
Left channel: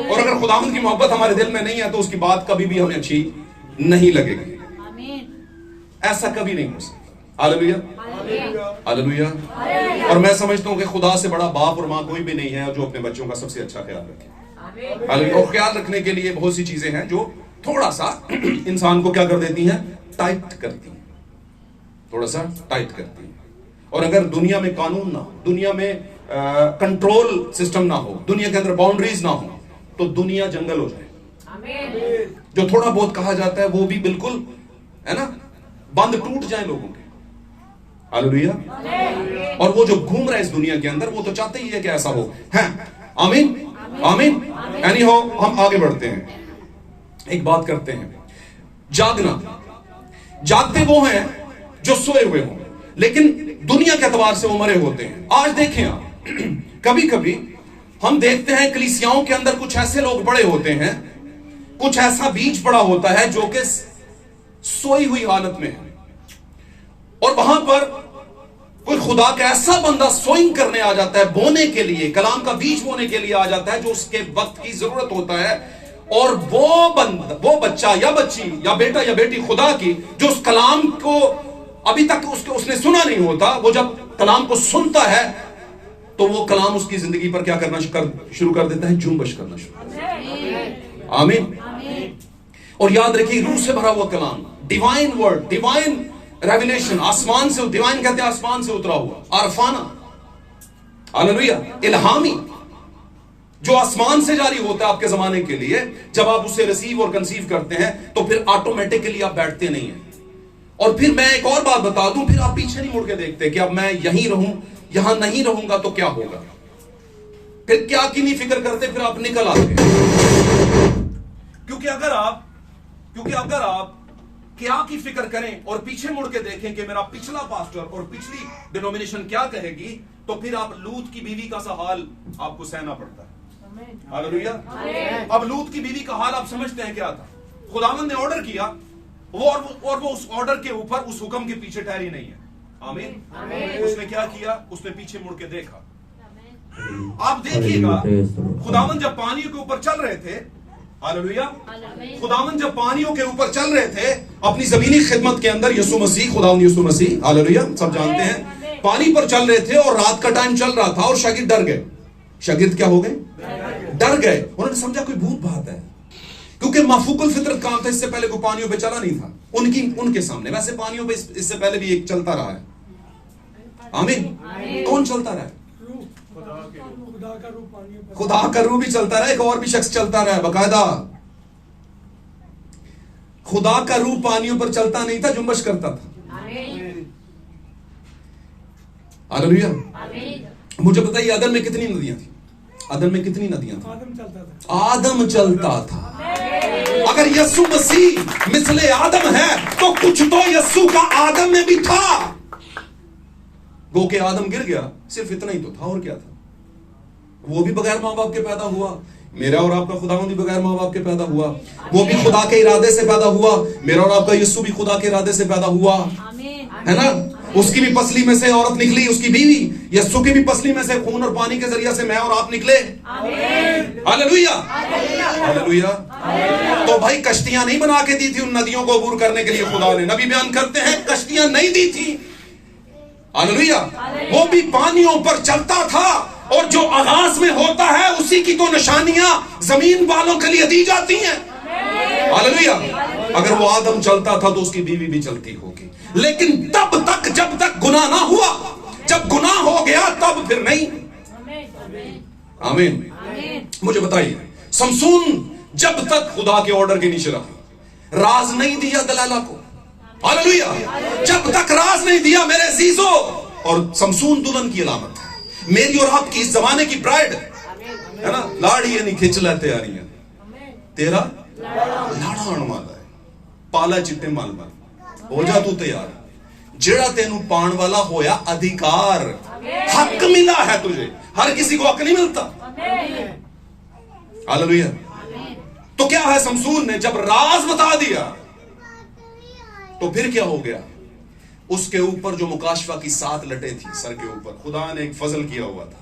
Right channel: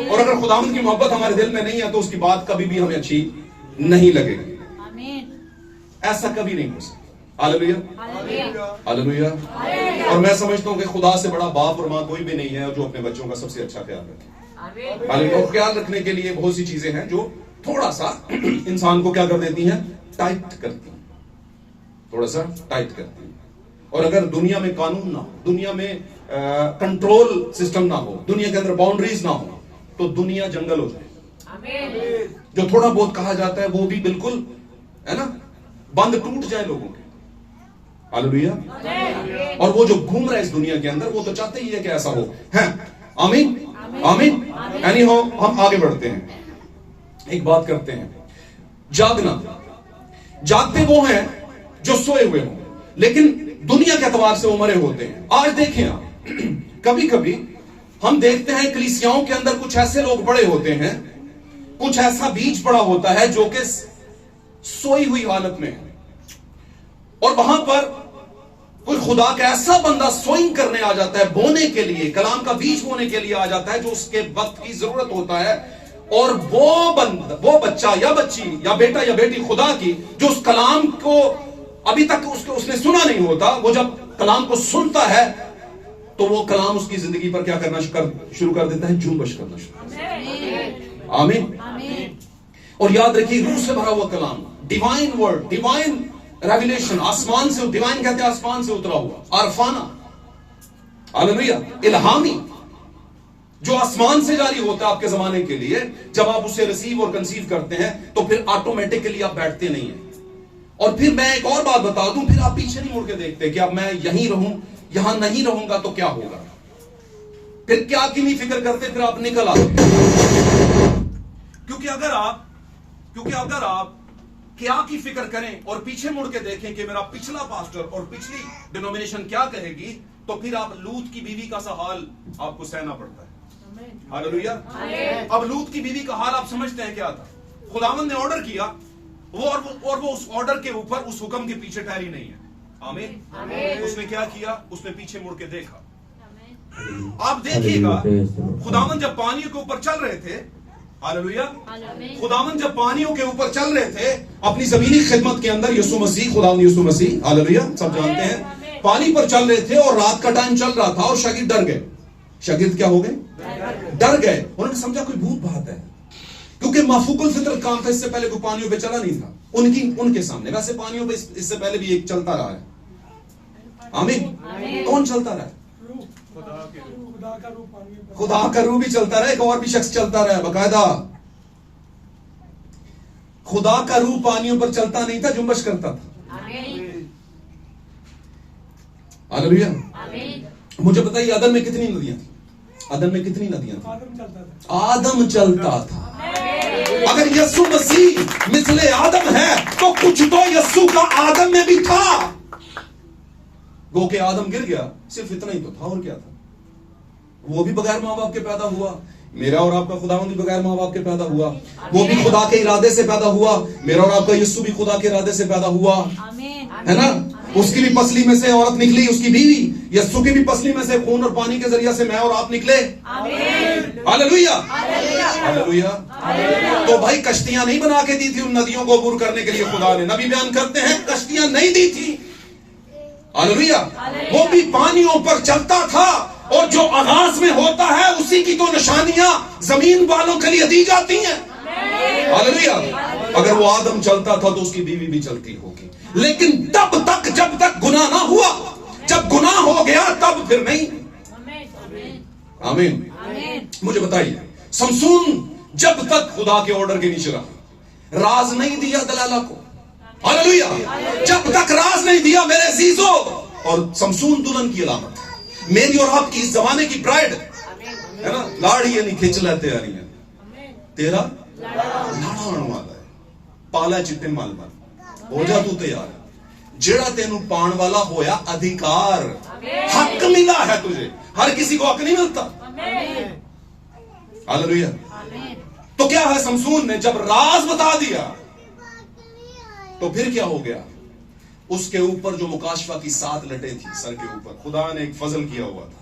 और अगर खुदाउन की मोहब्बत हमारे दिल में नहीं है तो उसकी बात कभी भी हमें अच्छी नहीं लगेगी। ऐसा कभी नहीं हो सकता। Hallelujah, hallelujah. और मैं समझता हूं कि खुदा से बड़ा बाप और मां कोई भी नहीं है जो अपने बच्चों का सबसे अच्छा ख्याल रखे। हालेलुया। और ख्याल रखने के लिए बहुत सी चीजें हैं जो थोड़ा सा इंसान को क्या कर देती हैं? टाइट करती हैं। थोड़ा सा टाइट करती है। और अगर दुनिया में कानून ना हो, दुनिया में कंट्रोल सिस्टम ना हो, दुनिया के अंदर बाउंड्रीज ना हो, तो दुनिया जंगल हो जाए। जो थोड़ा बहुत कहा जाता है वो भी बिल्कुल, है ना, बंद टूट जाए लोगों के। हालेलुया। और वो जो घूम रहा है इस दुनिया के अंदर, वो तो चाहते ही है कि ऐसा हो। है, आमीन आमीन। यानी हो, हम आगे बढ़ते हैं, एक बात करते हैं। जागना, जागते वो हैं जो सोए हुए हों, लेकिन दुनिया के एतबार से वो मरे होते हैं। आज देखें आप, कभी कभी हम देखते हैं कलीसियाओं के अंदर कुछ ऐसे लोग बड़े होते हैं, कुछ ऐसा बीज पड़ा होता है जो कि सोई हुई हालत में है, और वहां पर कोई खुदा का ऐसा बंदा सोइंग करने आ जाता है, बोने के लिए, कलाम का बीज बोने के लिए आ जाता है, जो उसके वक्त की जरूरत होता है। और वो बंदा, वो बच्चा या बच्ची या बेटा या बेटी खुदा की, जो उस कलाम को अभी तक उसने सुना नहीं होता, वो जब कलाम को सुनता है तो वो कलाम उसकी जिंदगी पर क्या करना शुरू कर देता है, जुम्बश करना शुरू। आमीन। और याद रखिए, रूह से भरा हुआ कलाम, डिवाइन वर्ड, डिवाइन रेवलेशन, आसमान से, डिवाइन कहते हैं आसमान से उतरा हुआ, आरफाना, हालेलुया, इल्हामी, जो आसमान से जारी होता है आपके जमाने के लिए। जब आप उसे रिसीव और कंसीव करते हैं तो फिर ऑटोमेटिकली आप बैठते नहीं हैं। और फिर मैं एक और बात बता दूं, फिर आप पीछे नहीं मुड़ के देखते कि अब मैं यहीं रहूं, यहां नहीं रहूंगा तो क्या होगा, फिर क्या की नहीं फिक्र करते, फिर आप निकल आते हैं। क्योंकि अगर आप क्या की फिक्र करें और पीछे मुड़ के देखें कि मेरा पिछला पास्टर और पिछली डिनोमिनेशन क्या कहेगी, तो फिर आप लूत की बीवी का सा हाल आपको सहना पड़ता है। हालेलुया। अब लूत की बीवी का हाल आप समझते हैं क्या था? खुदावंद ने ऑर्डर किया, वो उस ऑर्डर के ऊपर, उस हुक्म के पीछे ठहरी नहीं है। आमीन। उसने क्या किया? उसने पीछे मुड़ के देखा। आप देखिएगा, खुदावंद जब पानियों के ऊपर चल रहे थे, हालेलुया, खुदावंद जब पानियों के ऊपर चल रहे थे अपनी जमीनी खिदमत के अंदर, यीशु मसीह, खुदावंद यीशु मसीह, हालेलुया, सब जानते हैं, पानी पर चल रहे थे और रात का टाइम चल रहा था और शागिर्द डर गए। शागिर्द क्या हो गए? डर गए। उन्होंने समझा कोई भूत बात है, क्योंकि माफूकुल फितरत काम था, इससे पहले कोई पानियों पे चला नहीं था उनके सामने। वैसे पानियों पे इससे पहले भी एक चलता रहा है। आमीन। कौन चलता रहा है? खुदा का रूह भी चलता रहा, एक और भी शख्स चलता रहा, बकायदा। खुदा का रूह पानियों पर चलता नहीं था, जुम्बश करता था। हालेलुया। मुझे बताइए, आदम में कितनी नदियां थी? आदम में कितनी नदियां थी? आदम चलता था। अगर यीशु मसीह मिसले आदम है तो कुछ तो यीशु का आदम में भी था। गो के आदम गिर गया, सिर्फ इतना ही तो था, और क्या था? वो भी बगैर माँ बाप के पैदा हुआ। मेरा और आपका खुदावंद भी बगैर माँ बाप के पैदा हुआ। वो भी खुदा के इरादे से पैदा हुआ। मेरा और आपका यीशु भी खुदा के इरादे से पैदा हुआ, है ना? उसकी भी पसली में से औरत निकली, उसकी बीवी। यीशु की भी पसली में से खून और पानी के जरिए से मैं और आप निकले। Hallelujah, hallelujah. तो भाई, कश्तियां नहीं बना के दी थी उन नदियों को अबूर करने के लिए खुदा ने। नबी बयान करते हैं कश्तियां नहीं दी थी। हालेलुया। वो भी पानियों पर चलता था, और जो आकाश में होता है उसी की तो निशानियां जमीन वालों के लिए दी जाती हैं। हालेलुया। अगर वो आदम चलता था तो उसकी बीवी भी चलती होगी, लेकिन तब तक जब तक गुनाह ना हुआ। जब गुनाह हो गया तब फिर नहीं। आमीन। मुझे बताइए, समसून जब तक खुदा के ऑर्डर के नीचे रहा, राज नहीं दिया दलाला को। हालेलुया। जब तक राज नहीं दिया मेरे अजीजों, और समसून दुल्हन की अलामत है, मेरी और आपकी इस जमाने की ब्राइड है ना। लाड़ी यानी खिंच ले तैयारी है, तेरा लाड़ा आने वाला है, पाला चिट्टे माल माल हो जा तू तैयार। जेड़ा तेनू पान वाला होया अधिकार, हक मिला है तुझे। हर किसी को हक नहीं मिलता। हालेलुया। तो क्या है, समसून ने जब राज बता दिया तो फिर क्या हो गया? उसके ऊपर जो मुकाशवा की 7 लटें थी सर के ऊपर, खुदा ने एक फजल किया हुआ था।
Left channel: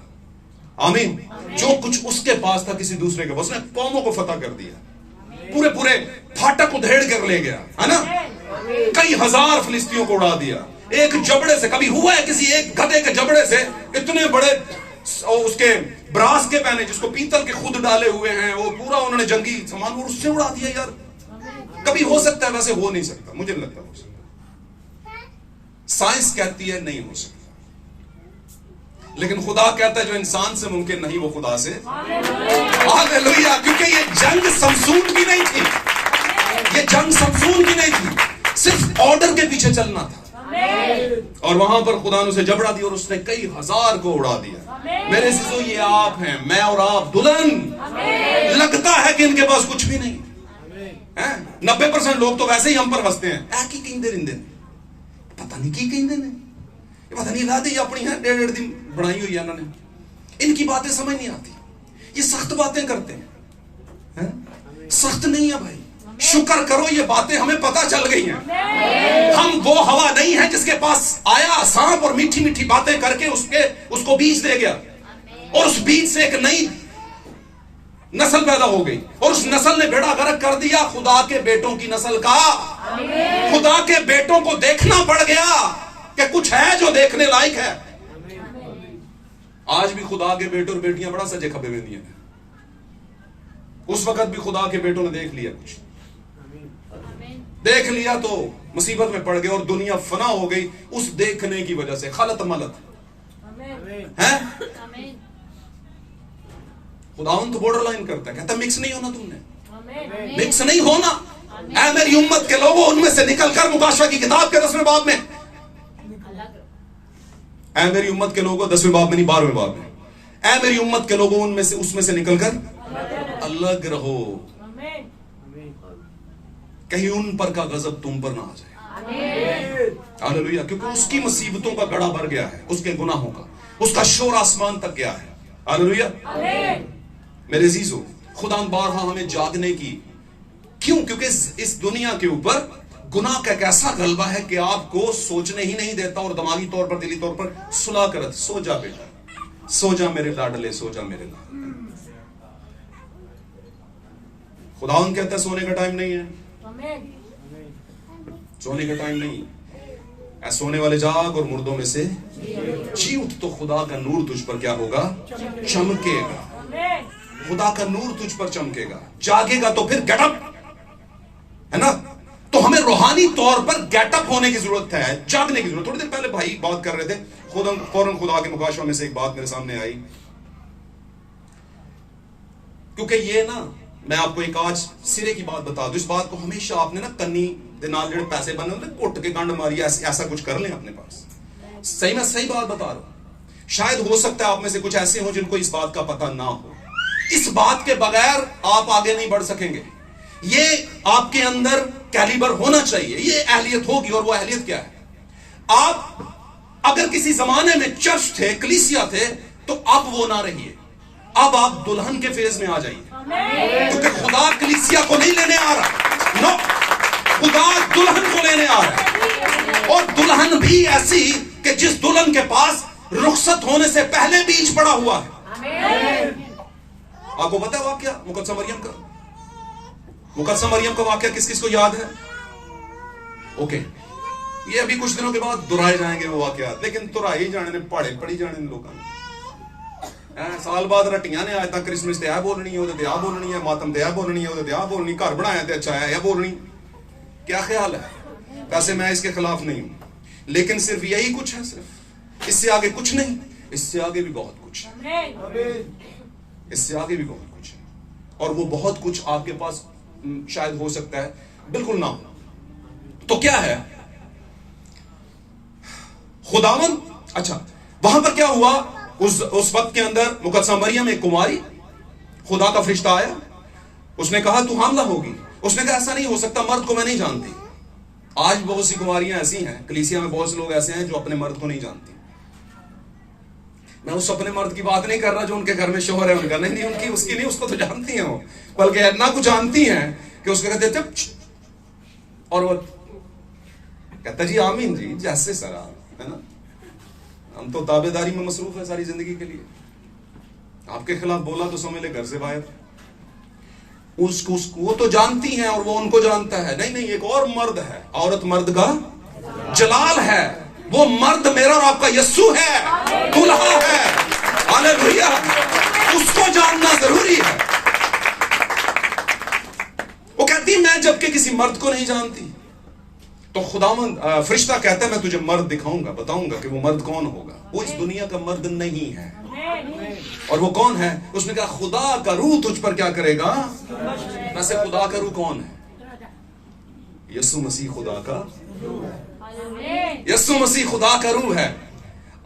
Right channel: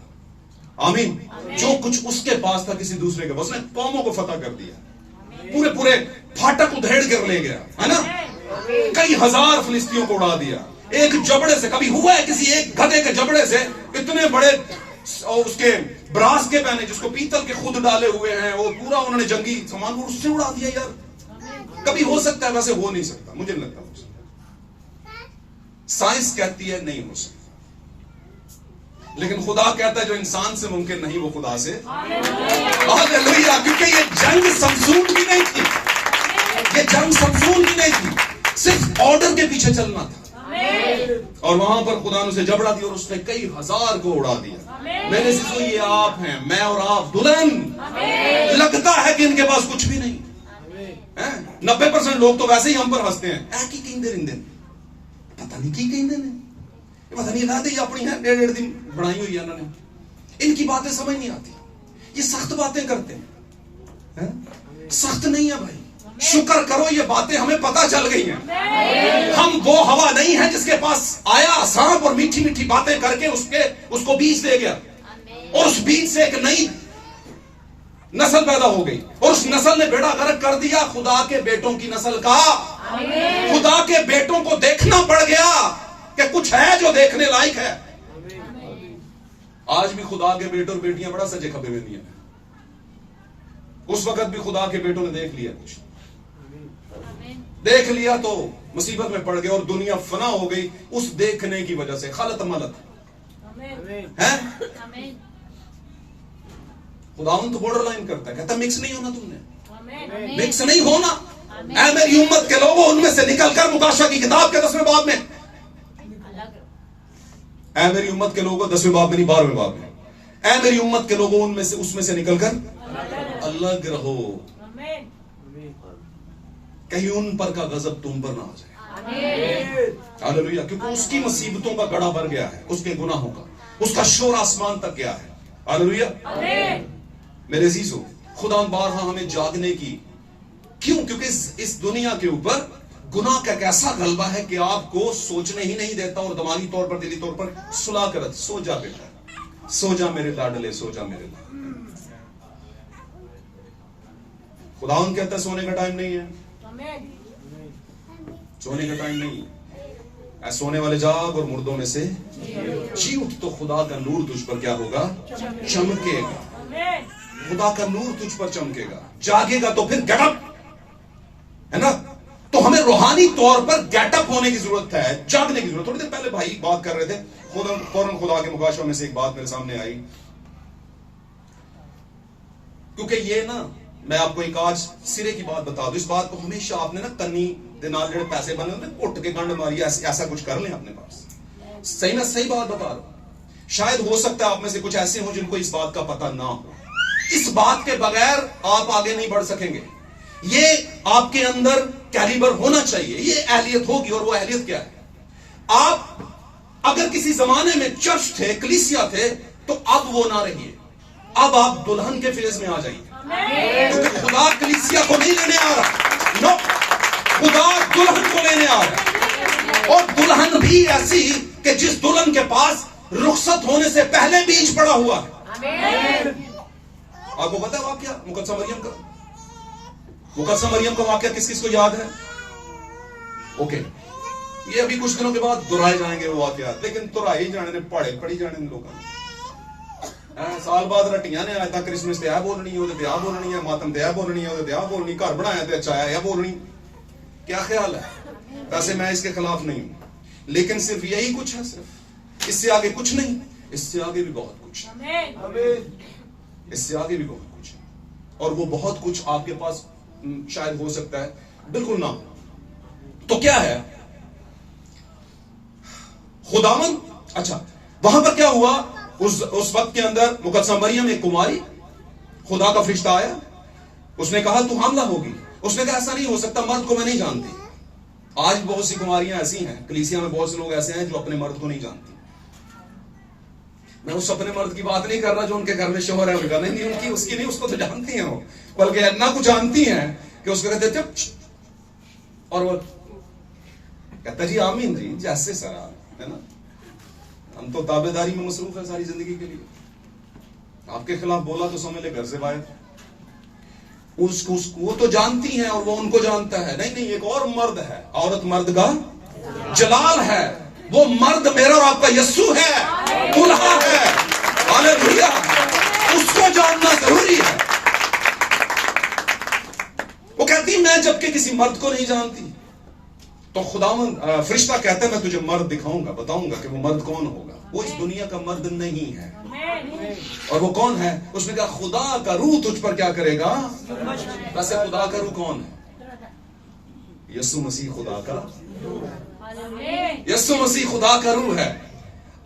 आमीन। जो कुछ उसके पास था किसी दूसरे के पास, उसने कौमों को फतह कर दिया, पूरे पूरे फाटक उधेड़ कर ले गया, है ना। कई हजार फिलिस्तियों को उड़ा दिया एक जबड़े से। कभी हुआ है किसी एक गधे के जबड़े से इतने बड़े उसके ब्रास के पहने, जिसको पीतल के खुद डाले हुए हैं, वो पूरा उन्होंने जंगी सामान उससे उड़ा दिया? यार कभी हो सकता है? वैसे हो नहीं सकता, मुझे नहीं लगता हो सकता। साइंस कहती है नहीं हो सकता, लेकिन खुदा कहता है जो इंसान से मुमकिन नहीं वो खुदा से। हालेलुया। क्योंकि ये जंग समसून की नहीं थी, ये जंग समसून की नहीं थी, सिर्फ ऑर्डर के पीछे चलना था। और वहां पर खुदा ने उसे जबड़ा दिया और उसने कई हजार को उड़ा दिया। मेरे से ये आप हैं, मैं और आप दुल्हन। लगता है कि इनके पास कुछ भी नहीं है। 90% लोग तो वैसे ही हम पर हंसते हैं, की कहीं देर पता नहीं की कहीं देर पता नहीं ला दी अपनी है, 1.5 दिन बनाई हुई है इन्होंने। इनकी बातें समझ नहीं आती, ये सख्त बातें करते हैं। सख्त नहीं है भाई, शुक्र करो ये बातें हमें पता चल गई हैं। हम वो हवा नहीं है जिसके पास आया सांप और मीठी मीठी बातें करके उसको बीज दे गया, और उस बीज से एक नई नस्ल पैदा हो गई, और उस नस्ल ने बेड़ा गर्क कर दिया खुदा के बेटों की नस्ल का। खुदा के बेटों को देखना पड़ गया कि कुछ है जो देखने लायक है। आज भी खुदा के बेटे और बेटियां बड़ा सजे खबे में नहीं है। उस वक्त भी खुदा के बेटों ने देख लिया, कुछ देख लिया तो मुसीबत में पड़ गए और दुनिया फना हो गई उस देखने की वजह से। खलत मलत है। खुदावन तो बॉर्डर लाइन करता है, कहता मिक्स नहीं होना, तुमने मिक्स नहीं होना। ऐ मेरी उम्मत के लोगों, उनमें से निकलकर, मुकाशा की किताब के 10वें बाब में, ऐ मेरी उम्मत के लोगों, 10वें बाब में नहीं 12वें बाब में, ऐ मेरी उम्मत के लोगों उनमें से उसमें से निकलकर अलग रहो, कहीं उन पर का गजब तुम पर ना आ जाए। हालेलुया। क्योंकि उसकी मुसीबतों का गड़ा भर गया है, उसके गुनाहों का, उसका शोर आसमान तक गया है। हालेलुया। मेरे अजीजों, खुदा बारहा हमें जागने की, क्यों? क्योंकि इस दुनिया के ऊपर गुनाह का एक ऐसा गलबा है कि आपको सोचने ही नहीं देता, और दिमागी तौर पर, दिली तौर पर सुला कर, सो जा बेटा, सो जा मेरे लाडले, सो जा मेरे लाडले। खुदावन कहता है सोने का टाइम नहीं है, सोने का टाइम नहीं है। सोने वाले जाग और मुर्दों में से जी उठ, तो खुदा का नूर तुझ पर क्या होगा? चमकेगा। खुदा का नूर तुझ पर चमकेगा। जागेगा तो फिर गेटअप, है ना? तो हमें रूहानी तौर पर गेटअप होने की जरूरत है, जागने की जरूरत। थोड़ी देर पहले भाई बात कर रहे थे, फौरन खुदा के मुकाशों में से एक बात मेरे सामने आई, क्योंकि ये ना, मैं आपको एक आज सिरे की बात बता दूं। इस बात को हमेशा आपने ना कन्नी दे नाल जेड़े पैसे बने होंदे घुट के गंड मारी, ऐसा कुछ कर लें अपने पास। सही, मैं सही बात बता रहा हूं। शायद हो सकता है आप में से कुछ ऐसे हो जिनको इस बात का पता ना हो। इस बात के बगैर आप आगे नहीं बढ़ सकेंगे। ये आपके अंदर कैलिबर होना चाहिए, ये अहलियत होगी। और वो अहलियत क्या है? आप अगर किसी जमाने में चर्च थे, कलीसिया थे, तो अब वो ना रहिए, अब आप दुल्हन के फेज में आ जाइए। क्योंकि खुदा कलीसिया को नहीं लेने आ रहा, नो, खुदा दुल्हन को लेने आ रहा। और दुल्हन भी ऐसी कि जिस दुल्हन के पास रुखसत होने से पहले बीज पड़ा हुआ है। आपको पता है वाक्या मुकद्दसा मरियम का? मुकद्दसा मरियम का वाक्या किस किस को याद है? ओके, ये अभी कुछ दिनों के बाद दोहराए जाएंगे वो वाक्या, लेकिन दोहराए ही जाने ने, पढ़ी जाने लोगों ने। साल बाद रटियां ने आया, क्रिसमस ते बोलनी है, ब्याह बोलनी है, मातम ते बोलनी है, ब्याह बोलनी, घर बनाया ते अच्छा है बोलनी। क्या ख्याल है? वैसे मैं इसके खिलाफ नहीं हूं, लेकिन सिर्फ यही कुछ है, सिर्फ इससे आगे कुछ नहीं। इससे आगे भी बहुत कुछ है, इससे आगे भी बहुत कुछ है, और वो बहुत कुछ आपके पास शायद हो सकता है बिल्कुल ना हो। तो क्या है खुदावन? अच्छा, वहां पर क्या हुआ? उस वक्त के अंदर मुकद्दसा मरियम एक कुमारी, खुदा का फरिश्ता आया, उसने कहा तू हामला होगी। उसने कहा ऐसा नहीं हो सकता, मर्द को मैं नहीं जानती। आज बहुत सी कुमारियां ऐसी हैं, कलीसिया में बहुत से लोग ऐसे हैं जो अपने मर्द को नहीं जानती। मैं उस अपने मर्द की बात नहीं कर रहा जो उनके घर में शोहर है उनका, नहीं, उनकी उसकी नहीं, उसको तो जानती हैं वो, बल्कि इतना कुछ जानती हैं कि उसको कहते थे, और वो कहता जी आमीन जी, जैसे सर, है ना, हम तो ताबेदारी में मसरूफ है सारी जिंदगी के लिए। आपके खिलाफ बोला तो समझ ले घर से बाहर। उसको वो तो जानती हैं और वो उनको जानता है। नहीं, एक और मर्द है, औरत मर्द का जलाल है। वो मर्द मेरा और आपका यस्सु है, दुल्हा है। हालेलुया। उसको जानना जरूरी है। वो कहती मैं जबकि किसी मर्द को नहीं जानती। तो खुदावन फरिश्ता कहता है मैं तुझे मर्द दिखाऊंगा, बताऊंगा कि वो मर्द कौन होगा। वो इस दुनिया का मर्द नहीं है। और वो कौन है? उसने कहा खुदा का रूह तुझ पर क्या करेगा। वैसे खुदा का रूह कौन है? यीशु मसीह खुदा का, यीशु मसीह खुदा का रूह है।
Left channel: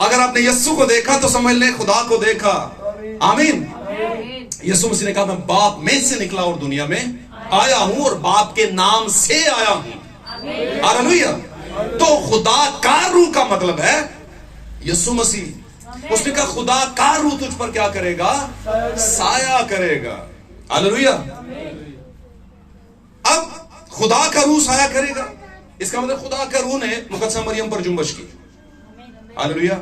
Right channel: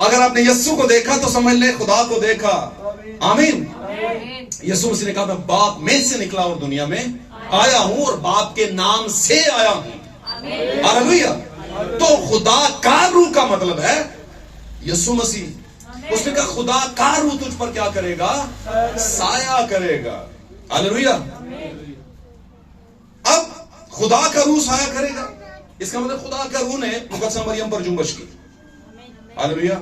अगर आपने यीशु को देखा तो समझ ले खुदा को देखा। आमीन। यीशु मसीह ने कहा मैं बाप में से निकला और दुनिया में आया हूं और बाप के नाम से आया हूं। हालेलुया। तो खुदा का रूह का मतलब है यीशु मसीह। उसने कहा खुदा का रूह तुझ पर क्या करेगा, साया करेगा। हालेलुया। अब खुदा का रूह साया करेगा, इसका मतलब खुदा का रूह ने मुकद्दसा मरियम पर जुम्बश की। हालेलुया।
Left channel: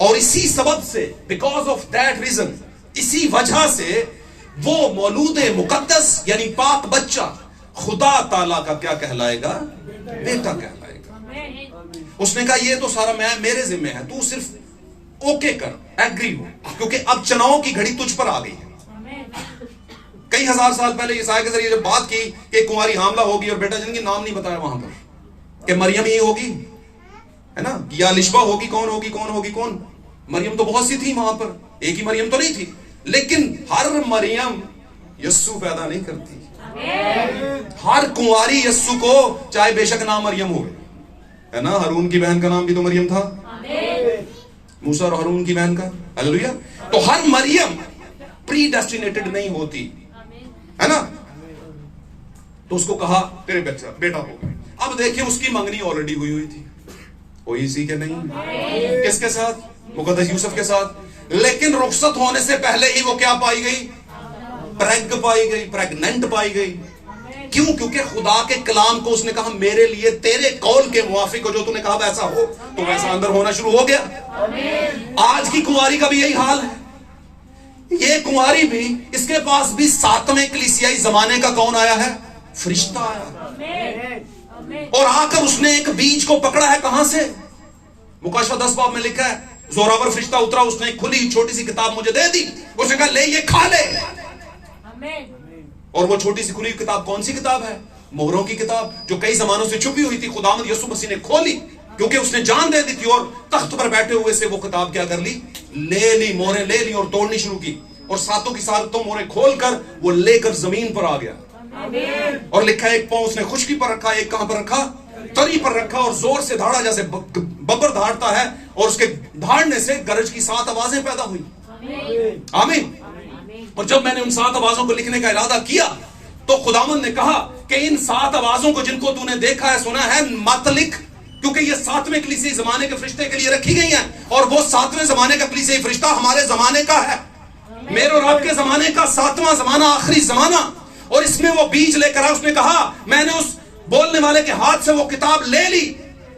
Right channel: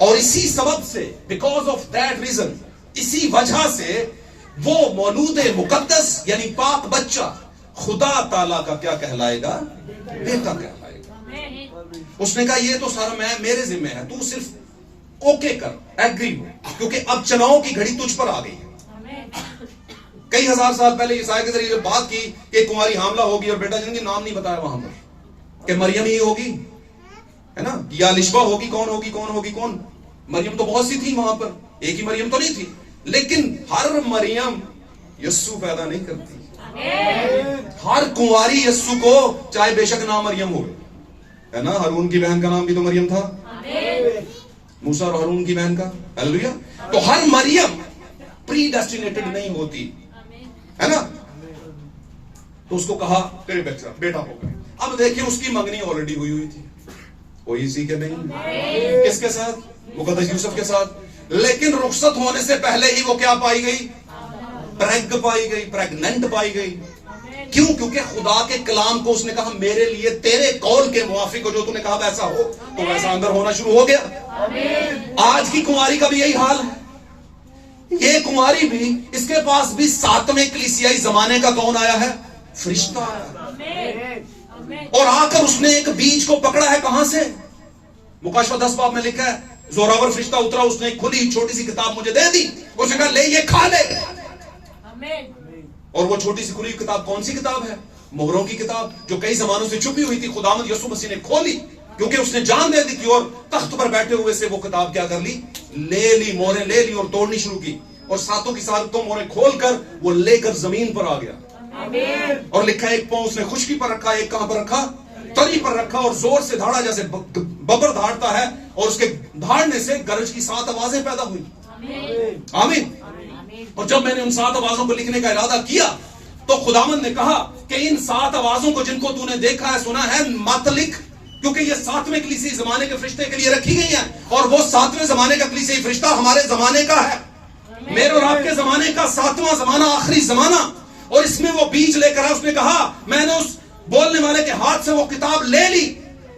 और इसी सबब से, बिकॉज ऑफ दैट रीजन, इसी वजह से वो मौलूद मुकद्दस यानी पाक बच्चा खुदा ताला का क्या कहलाएगा, बेटा कहलाएगा। उसने कहा ये तो सारा मैं मेरे जिम्मे है, तू सिर्फ ओके कर, एग्री हो, क्योंकि अब चुनाव की घड़ी तुझ पर आ गई है। कई हजार साल पहले ईसाया के जरिए जब बात की कि कुमारी हामला होगी और बेटा जिनकी नाम नहीं बताया वहां पर कि मरियम ही होगी, है ना, या लिशबा होगी, कौन होगी कौन होगी कौन। मरियम तो बहुत सी थी वहां पर, एक ही मरियम तो नहीं थी, लेकिन हर मरियम यस्सु पैदा नहीं करती। हर कुंवारी यस्सु को, चाहे बेशक नाम मरियम हो, है ना, हारून की बहन का नाम भी तो मरियम था, मूसा और हारून की बहन का। हालेलुया। तो हर मरियम प्री डेस्टिनेटेड नहीं होती, है ना। तो उसको कहा तेरे बेटा होगा। अब देखिए उसकी मंगनी ऑलरेडी हुई थी, कोई इसी के नहीं, किसके साथ, मुकद्दस यूसुफ के साथ। लेकिन रुखसत होने से पहले ही वो क्या पाई गई, प्रेग्नेंट पाई गई। क्यों? क्योंकि खुदा के कलाम को उसने कहा मेरे लिए तेरे कौल के मुआफिक हो, जो तूने कहा वैसा हो, तो वैसा अंदर होना शुरू हो गया। आज की कुंवारी का भी यही हाल है। ये कुंवारी भी, इसके पास भी 7वें कलीसियाई जमाने का कौन आया है, फरिश्ता आया। और आकर उसने एक बीज को पकड़ा है, कहां से, मुकाशवा 10 बाब में लिखा है, जोरावर फरिश्ता उतरा, उसने खुली छोटी सी किताब मुझे दे दी, उसने कहा ले ये खा ले। और वो छोटी सी खुली किताब कौन सी किताब है, मोहरों की किताब, जो कई जमानों से छुपी हुई थी। खुदावंद यीशु मसीह ने खोली, क्योंकि उसने जान दे दी थी, और तख्त पर बैठे हुए से वो किताब क्या कर ली, ले ली, मोहरें ले ली और तोड़नी शुरू की। और सातों की सातों मोहरें खोलकर वो लेकर जमीन पर आ गया। और लिखा है एक पांव उसने खुशकी पर रखा, एक कहां पर रखा, तरी पर रखा, और जोर से धाड़ा जैसे बबर धाड़ता है, और उसके धाड़ने से गरज की 7 आवाजें पैदा हुई। आमीन। और जब मैंने उन 7 आवाजों को लिखने का इरादा किया, तो खुदावंद ने कहा कि इन 7 आवाजों को जिनको तूने देखा है, सुना है, मत लिख, क्योंकि ये 7वें कलीसियाई जमाने के फरिश्ते के लिए रखी गई हैं। और वो 7वें जमाने का कलीसियाई फरिश्ता हमारे जमाने का है, मेरे और आपके जमाने का 7वां जमाना, आखिरी जमाना। और इसमें वो बीज लेकर आ, उसने कहा मैंने उस बोलने वाले के हाथ से वो किताब ले ली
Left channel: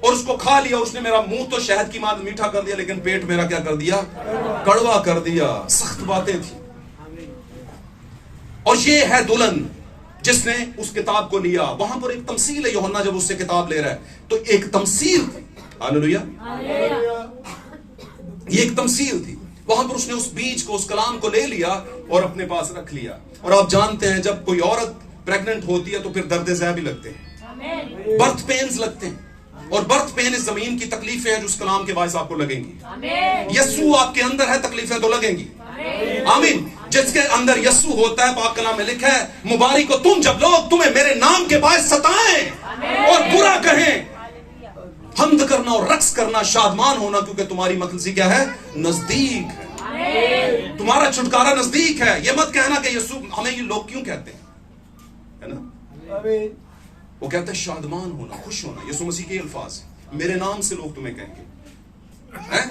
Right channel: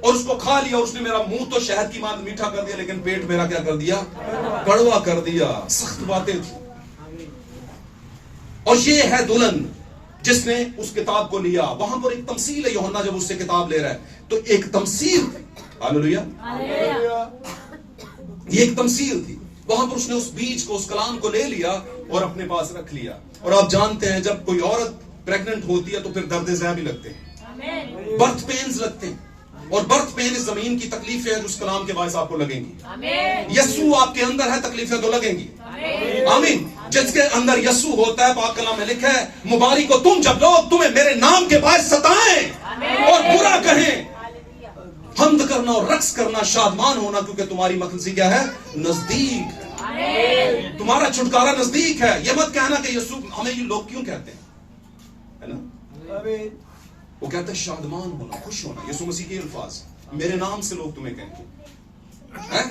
और उसको खा लिया। और उसने मेरा मुंह तो शहद की मांद मीठा कर दिया, लेकिन पेट मेरा क्या कर दिया, कड़वा कर दिया। सख्त बातें थी। और ये है दुल्हन जिसने उस किताब को लिया। वहां पर एक तमसील है, यूहन्ना जब उससे किताब ले रहा है तो एक तमसील थी। हालेलुया। ये एक तमसील थी। वहां पर उसने उस बीज को, उस कलाम को ले लिया और अपने पास रख लिया। और आप जानते हैं जब कोई औरत प्रेग्नेंट होती है तो फिर दर्द ज़ा भी लगते हैं, बर्थ पेन्स लगते हैं। और बर्थ पेन इस जमीन की तकलीफें हैं जो उस कलाम के बायस आपको लगेंगी। यस्सु आपके अंदर है, तकलीफें तो लगेंगी। आमीन। जिसके अंदर यस्सु होता है, पाक कलाम में लिखा है, मुबारक हो तुम जब लोग तुम्हें मेरे नाम के बायस सताएं और बुरा कहें। हम्द करना और रक्स करना, शादमान होना, क्योंकि तुम्हारी मखलसी क्या है, नजदीक है, तुम्हारा छुटकारा नजदीक है। ये मत कहना कि यस्सु, हमें ये लोग क्यों कहते हैं, है ना, वो कहते हैं शादमान होना, खुश होना। यीशु मसीह के अल्फाज, मेरे नाम से लोग तुम्हें कहेंगे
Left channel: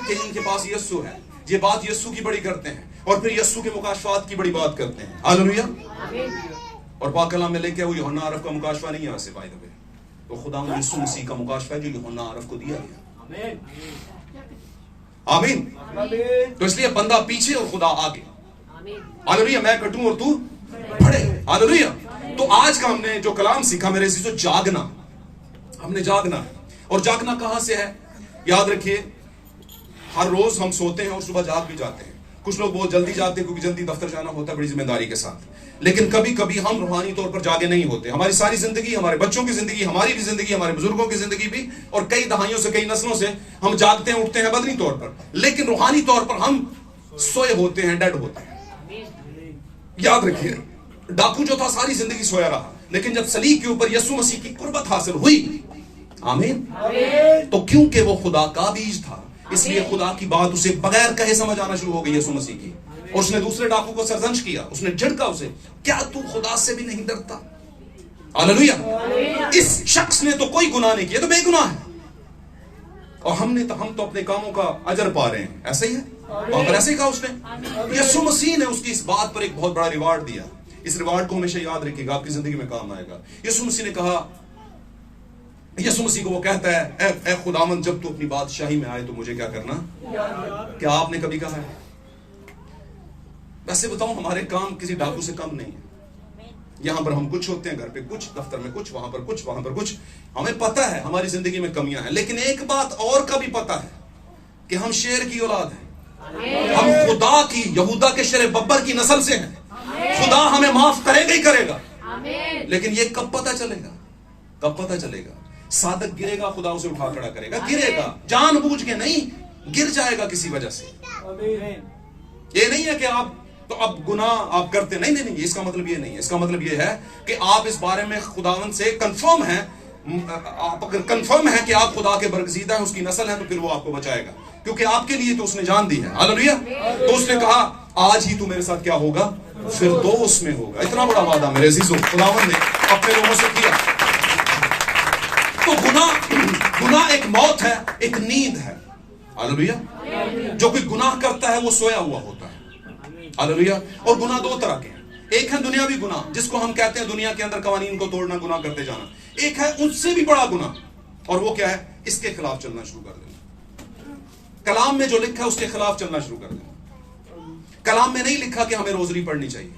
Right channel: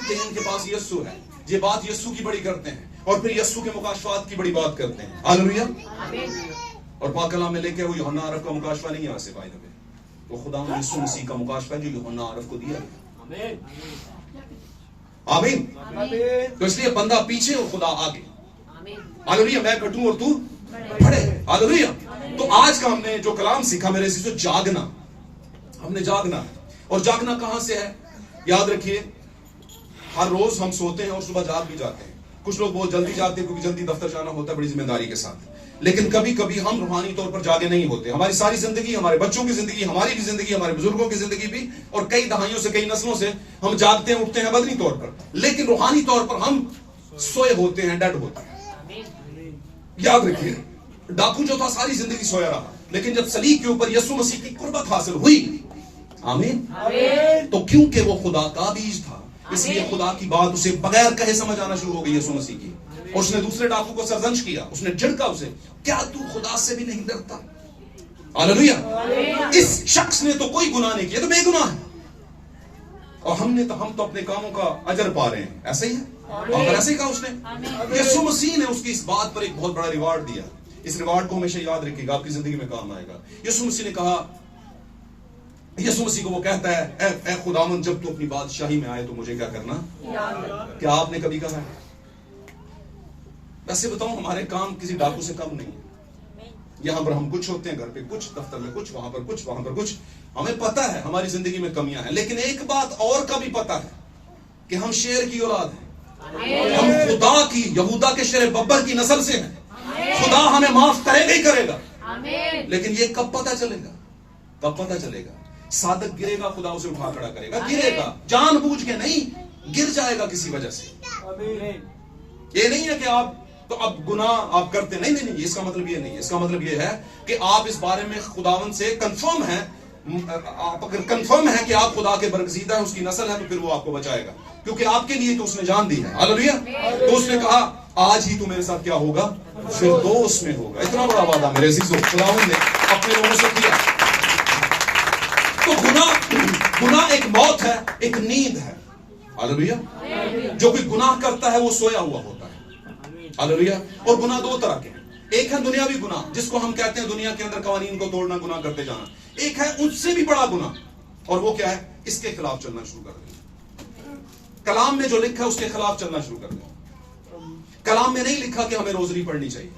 कि इनके पास यीशु है। ये बात यीशु की बड़ी करते हैं और फिर यीशु के मुकाशफात की बड़ी बात करते हैं। हालेलुया। और पाक कलाम में लेके वो यूहन्ना आरफ का मुकाशफा नहीं है वैसे, बाय द वे, तो खुदा यीशु मसीह का मुकाशफा है जो यूहन्ना आरफ को दिया गया। आमीन। तो इसलिए बंदा पीछे और खुदा आगे। हालेलुया। मैं कटूं और तू बढ़े। हालेलुया। तो आज का हमने जो कलाम सीखा मेरे से, जो जागना, हमने जागना। और जागना कहां से है, याद रखिए, हर रोज हम सोते हैं और सुबह जाग भी जाते हैं। कुछ लोग बहुत जल्दी जाते हैं क्योंकि जल्दी दफ्तर जाना होता है बड़ी जिम्मेदारी के साथ, लेकिन कभी कभी हम रूहानी तौर पर जागे नहीं होते। हमारी सारी जिंदगी, हमारे बच्चों की जिंदगी, हमारी भी जिंदगी, हमारे बुजुर्गों की जिंदगी भी, और कई दहाइयों से, कई नस्लों से हम जागते हैं, उठते हैं बदनी तौर पर, लेकिन रूहानी तौर पर हम सोए होते हैं, डेड होते हैं। याद रखिए, डाकू जो था सारी जिंदगी सोया रहा, लेकिन जब सलीब के ऊपर यीशु मसीह की कुर्बत हासिल हुई, आमीन, तो क्योंकि वो खुदा का बीज था, इसलिए खुदा की बात उसे बगैर कहे समझ आना शुरू हो गई यीशु मसीह की। और उसने दूसरे डाकू को सरजंश किया, उसने झिड़का उसे, क्या तू खुदा से भी नहीं डरता? हालेलुया। इस शख्स ने तो कोई गुनाह नहीं किया, तो बेगुनाह है, और हम तो अपने कामों का अजर पा रहे हैं। ऐसे ही है, और ऐसे ही कहा उसने। यीशु मसीह ने उसकी इस बात पर एक बहुत बड़ा रिवार्ड दिया। इस रिवार्ड को हमेशा याद रखिएगा, आपकी जिंदगी में काम आएगा। यीशु मसीह ने कहा, यीशु मसीह को वो कहता है, ए खुदावंद, जब तू अपनी बादशाही में आए तो मुझे क्या करना? क्या आपने कभी कहा है? वैसे बताऊं, हमारे काम किसी डाकू से कम नहीं है। यहां पर हम कुछ होते हैं, घर पे कुछ, दफ्तर में कुछ, वहां पर कुछ, वहां पर कुछ। हमें पता है हमारी जिंदगी में कमियां हैं, लेकिन एक बात और का भी पता है कि हम शेर की औलाद हैं, हम खुदा की, यहूदा के शेर बब्बर की नस्ल से हैं। खुदा हमें माफ करेगा ही करेगा, लेकिन ये कब पता चलेगा? कब पता चलेगा? सादक गिरेगा, खुदा उसे उठा खड़ा करेगा, गिरेगा, जानबूझ के नहीं, गिर जाएगा किसी वजह से। ये नहीं है कि आप तो अब गुनाह आप करते नहीं, नहीं नहीं, इसका मतलब ये नहीं है। इसका मतलब ये है कि आप इस बारे में खुदावन से कंफर्म हैं। आप अगर कंफर्म है कि आप खुदा के बरगजीदा हैं, उसकी नस्ल है, तो फिर वो आपको बचाएगा, क्योंकि आपके लिए तो उसने जान दी है। हालेलुया। तो उसने कहा, आज ही तू मेरे साथ क्या होगा? फिरदौस में होगा। इतना बड़ा वादा मेरे अजीजों खुदावन ने अपने लोगों से किया। तो गुनाह एक मौत है, एक नींद है। हालेलुया। जो कोई गुनाह करता है वो सोया हुआ होता है। हालेलुया। और गुनाह दो तरह के, एक है दुनियावी गुनाह, जिसको हम कहते हैं दुनिया के अंदर कवानीन को तोड़ना, गुनाह करते जाना। एक है उससे भी बड़ा गुनाह, और वो क्या है? इसके खिलाफ चलना शुरू कर देना। कलाम में जो लिखा है उसके खिलाफ चलना शुरू कर देना। कलाम में नहीं लिखा कि हमें रोजरी पढ़नी चाहिए,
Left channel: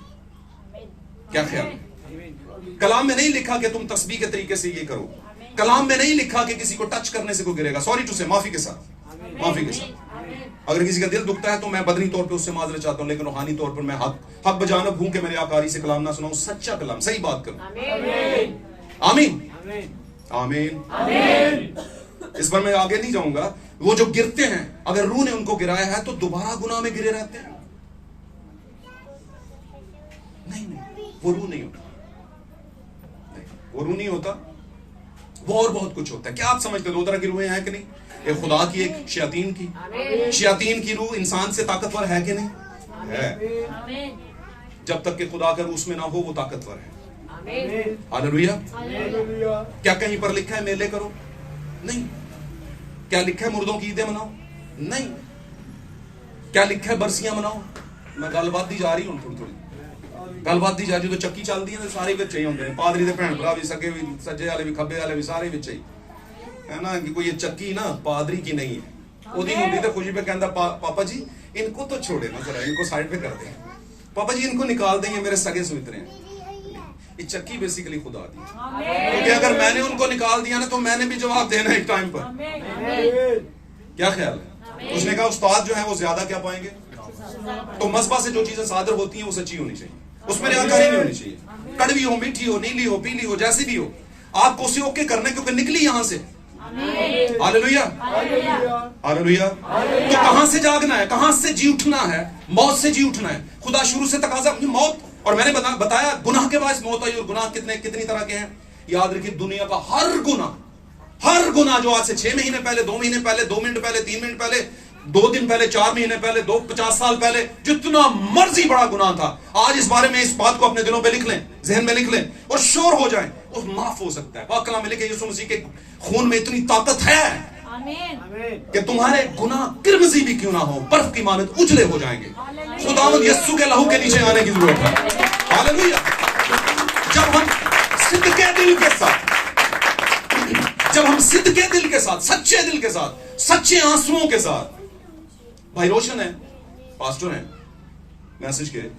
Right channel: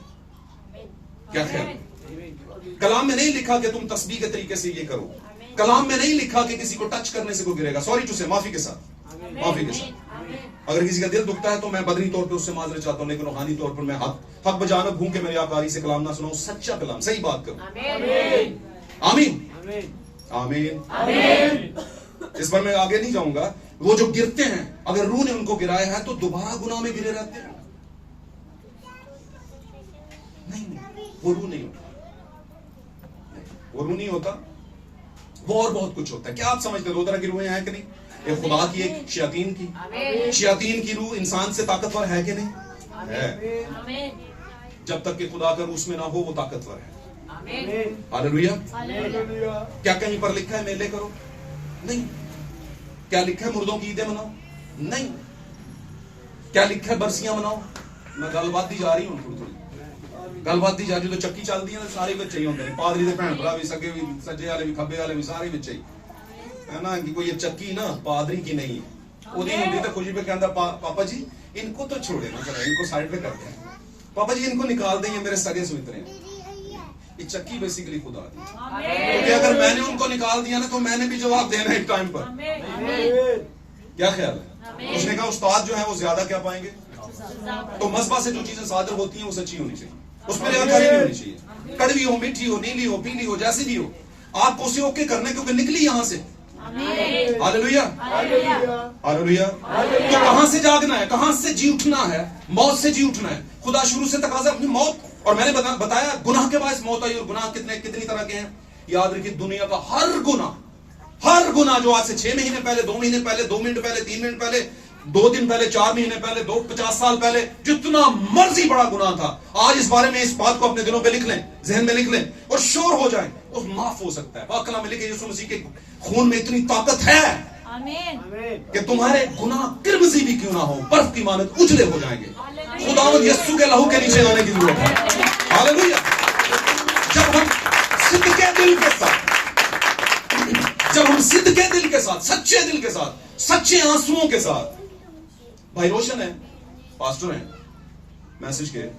क्या ख्याल? कलाम में नहीं लिखा कि तुम तस्बीह के तरीके से ये करो। कलाम में नहीं लिखा कि किसी को टच करने से कोई गिरेगा। सॉरी टू से, माफी के साथ, माफी के साथ। अगर किसी का दिल दुखता है तो मैं बदनी तौर पे उससे माजरत चाहता हूं, लेकिन रूहानी तौर पर मैं हक बजानब हूं कि मेरे आकारी से कलाम ना सुनाऊं, सच्चा कलाम, सही बात करूं। आमीन, आमीन। इस पर मैं आगे नहीं जाऊंगा। वो जो गिरते हैं, अगर रूह ने उनको गिराया है तो दोबारा गुनाह में गिरे रहते हैं? नहीं, वो रूह नहीं होता, वो रूह नहीं होता, वो और बहुत कुछ होता है। क्या आप समझते हो दो तरह की रूहें हैं कि नहीं? एक खुदा की, एक शयातीन की। शयातीन की रूह इंसान से ताकतवर है कि नहीं? है। जब तक कि खुदा का रूह उसमें ना हो वो ताकतवर है। हालेलुया। क्या कहीं पर लिखा है मेले करो? नहीं। क्या लिखा है मुर्दों की ईदें मनाओ? नहीं। क्या लिखा है बरसियां मनाओ? मैं गलबात दी जा रही हूं, थोड़ी थोड़ी गलबात दी जा रही। तो चक्की चलती है, सारे बच्चे ही होंगे, पादरी के भैन भरा भी, सगे भी, सज्जे वाले भी, खब्बे वाले भी, सारे बच्चे ही है ना। कि कोई ये चक्की ना पादरी की नहीं है, ओदी होंगी तो खुशी पे कहता, पापा जी इनको तो छोड़े ना जरा, इनको साइड पे करते हैं, पापा जी इनको निकाल दें, ये मेरे सगे सुमित्र हैं। ये चक्की बेसिकली खुदा दी, क्योंकि अगर मैंने उनको निकाल दिया ना तो मैंने भी जवाब देना एक टाइम पर। क्या ख्याल है? उसने कहा उस्ताद जो है वो ज्यादा क्या पाएंगे? तो मसबा से जो चीजें सादर होती है वो सच्ची होनी चाहिए, उसमें रियाकारी नहीं होनी चाहिए। कड़वी हो, मीठी हो, नीली हो, पीली हो, जैसी भी हो, आपको उसे ओके करने, क्योंकि निकली यहां से। Hallelujah, hallelujah. तो कहां से जागना है? कहां से जी उठना है? मौत से जी उठना है। खुदा शुरू से तकाजा अपनी मौत, और मैंने बताया गुनाह के बाद मौत आई, और गुनाह कितनी तरह के हैं। याद रखिए, दुनिया का हर गुनाह जो आज से 6 महीने पहले, 2 महीने पहले, 2 मिनट पहले, 3 मिनट पहले, 2 दिन पहले, 4 महीने पहले, 50 साल पहले, जितना मर्जी बड़ा गुनाह था, आज इस बारे में, इस बात को अपने दिलों पे लिख लें, जहन में लिख लें, और श्योर हो जाएं, और माफ हो सकता है। पाक कलाम में लिखे यीशु मसीह के खून में इतनी ताकत है कि तुम्हारे गुनाह किरमजी भी क्यों ना हो, बर्फ की मानद उजले हो जाएंगे। खुदावंद यीशु के लहू के नीचे आने की जरूरत है। हालेलुया। जब हम सिद्दके दिल के साथ, सच्चे दिल के साथ, सच्चे आंसुओं के साथ, भाई रोशन है, पास्टर है, मैसेज किए,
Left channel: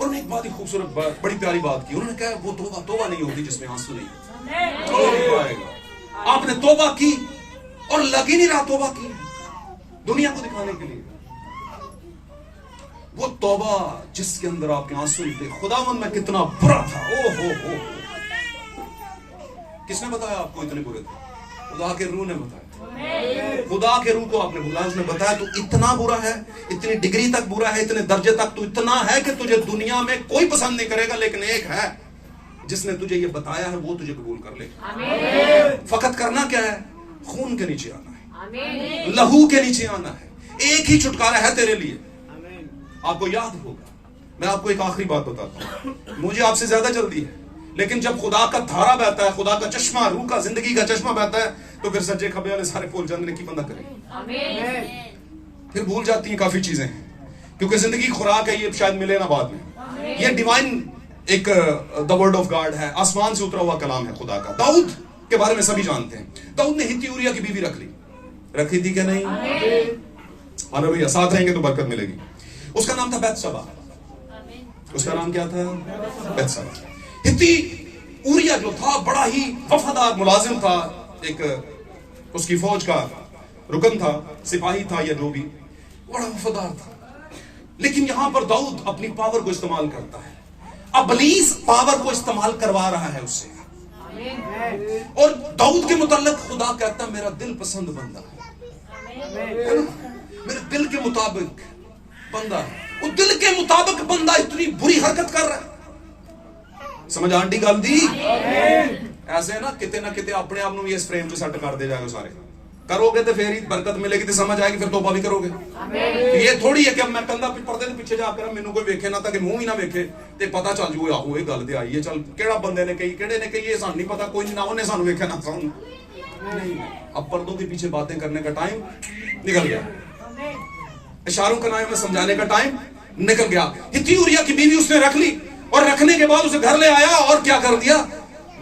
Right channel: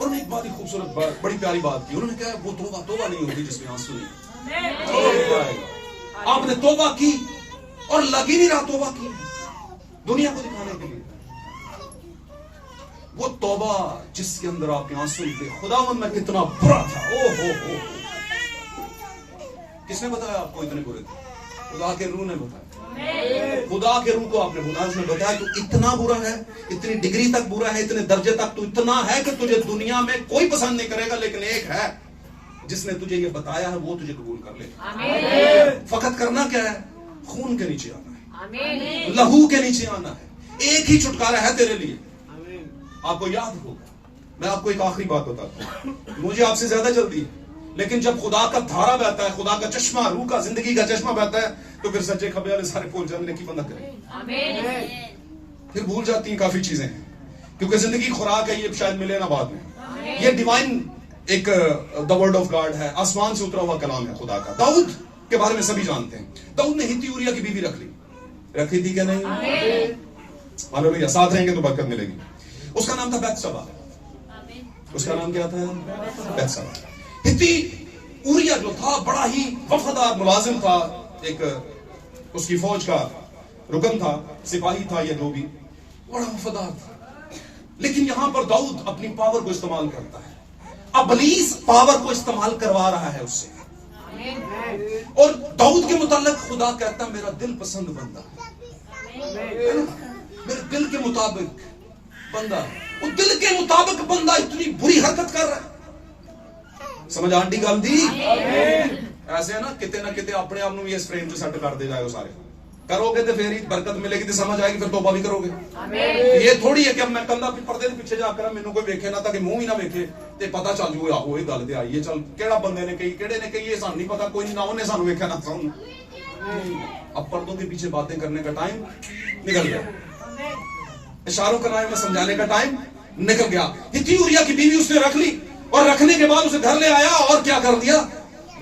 और एक बहुत ही खूबसूरत, बड़ी प्यारी बात की। उन्होंने कहा वो तौबा नहीं होती जिसमें आंसू नहीं। आपने तौबा की और लग ही नहीं रहा तौबा की, दुनिया को दिखाने के लिए। वो तौबा जिसके अंदर आपके आंसू निकले, खुदावन मैं कितना बुरा था, ओ हो। किसने बताया आपको इतने बुरे थे? खुदा के रूह ने बताया। खुदा के रूह को आपने बोला, उसने बताया तू इतना बुरा है, इतनी डिग्री तक बुरा है, इतने दर्जे तक तू इतना है कि तुझे दुनिया में कोई पसंद नहीं करेगा, लेकिन एक है जिसने तुझे ये बताया है, वो तुझे कबूल कर ले। फकत करना क्या है? खून के नीचे आना है, लहू के नीचे आना है। एक ही छुटकारा है तेरे लिए। आपको याद होगा, मैं आपको एक आखिरी बात बताता हूं, मुझे आपसे ज्यादा जल्दी है, लेकिन जब खुदा का धारा बहता है, खुदा का चश्मा, रूह का, जिंदगी का चश्मा बहता है, तो फिर सज्जे खबे वाले सारे फूल चंद ने की बंदा करे, फिर भूल जाती हैं काफी चीजें, क्योंकि जिंदगी खुराक है, ये शायद मिले ना बाद में। ये डिवाइन एक द वर्ड ऑफ गॉड है, आसमान से उतरा हुआ कलाम है खुदा का। दाऊद के बारे में सभी जानते हैं। दाऊद ने हित्ती ऊरिया की बीवी रखी थी क्या? नहीं। हालेलुया। साथ रहेंगे तो बरकत मिलेगी। उसका नाम था बैतशबा। उसका नाम क्या था? बैतशबा। हित्ती ऊरिया जो था बड़ा ही वफादार मुलाजिम था, एक उसकी फौज का रुकन था, सिपाही था या जो भी, बड़ा वफादार था। लेकिन यहां पर दाऊद अपनी पावर को इस्तेमाल करता है, अबलीस पावर को इस्तेमाल करवा रहा है उससे। और दाऊद के मुताल्लिक खुदा कहता है मेरा दिल पसंद बंदा है, मेरे दिल के मुताबिक बंदा है। वो दिल के मुताबिक बंदा इतनी बुरी हरकत कर रहा है। समझ आंटी गल दी? ऐसे है ना, किते ना किते अपने आप भी इस फ्रेम से सेट कर दे जाए, सारे करोगे तो फिर ही बरकत मिलेगी, तो समझ आएगी, फिर तौबा भी करोगे। ये थोड़ी है कि मैं कंधा पर्दे पीछे जाकर मैनू कोई वेखे ना, ताकि मुंह ही ना वेखे ते पता चल जू आहो ये गल ते आई है, चल केड़ा बंदे ने कही, केड़े ने कही, सानू नहीं पता, कोई नहीं, ना उन्हें सानू वेख्या ना सानू नहीं। अब पर्दों के पीछे बातें करने का टाइम निकल गया, इशारों के नाम में समझाने का टाइम निकल गया। हित्ती ऊरिया की बीवी उसने रख ली, और रखने के बाद उसे घर ले आया, और क्या कर दिया?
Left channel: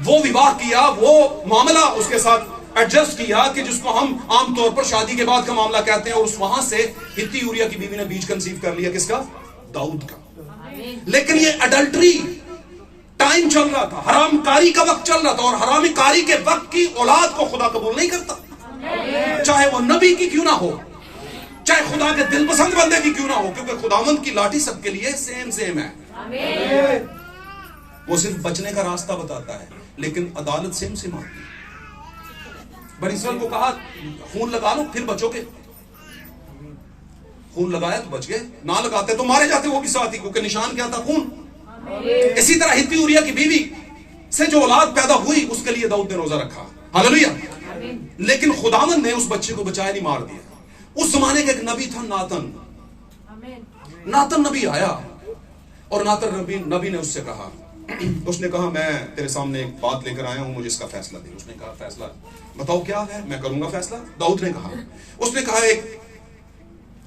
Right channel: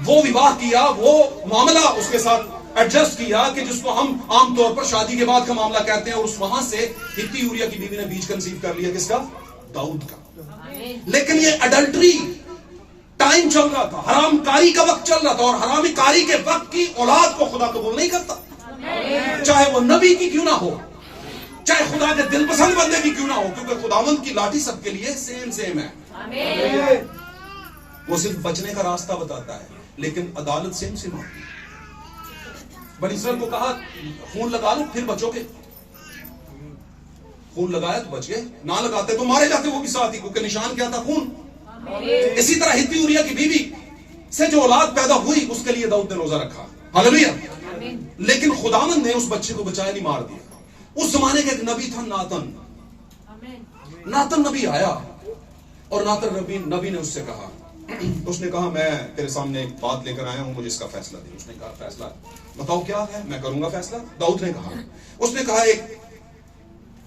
वो विवाह किया, वो मामला उसके साथ एडजस्ट किया कि जिसको हम आमतौर पर शादी के बाद का मामला कहते हैं। और उस वहां से हित्ती ऊरिया की बीवी ने बीज कंसीव कर लिया, किसका? दाऊद का। लेकिन ये अडल्ट्री टाइम चल रहा था, हरामकारी का वक्त चल रहा था, और हरामकारी के वक्त की औलाद को खुदा कबूल नहीं करता, चाहे वो नबी की क्यों ना हो, चाहे खुदा के दिल पसंद बंदे की क्यों ना हो, क्योंकि खुदावंद की लाठी सबके लिए सेम है। वो सिर्फ बचने का रास्ता बताता है, लेकिन अदालत सेम आती है। बनी इस्राएल को कहा खून लगा लो फिर बचोगे, खून लगाया तो बच गए, ना लगाते तो मारे जाते वो भी साथ ही, क्योंकि निशान क्या था? खून। इसी तरह हित्ती ऊरिया की बीवी से जो औलाद पैदा हुई, उसके लिए दाऊद ने रोजा रखा। हालेलुया। लेकिन खुदावन ने उस बच्चे को बचाया नहीं, मार दिया। उस जमाने का एक नबी था नातन। नातन नबी आया, और नातन नबी ने उससे कहा, उसने कहा मैं तेरे सामने एक बात लेकर आया हूं, मुझे इसका फैसला दे। उसने कहा फैसला बताओ क्या है? मैं करूंगा फैसला। दाऊद ने कहा, उसने कहा एक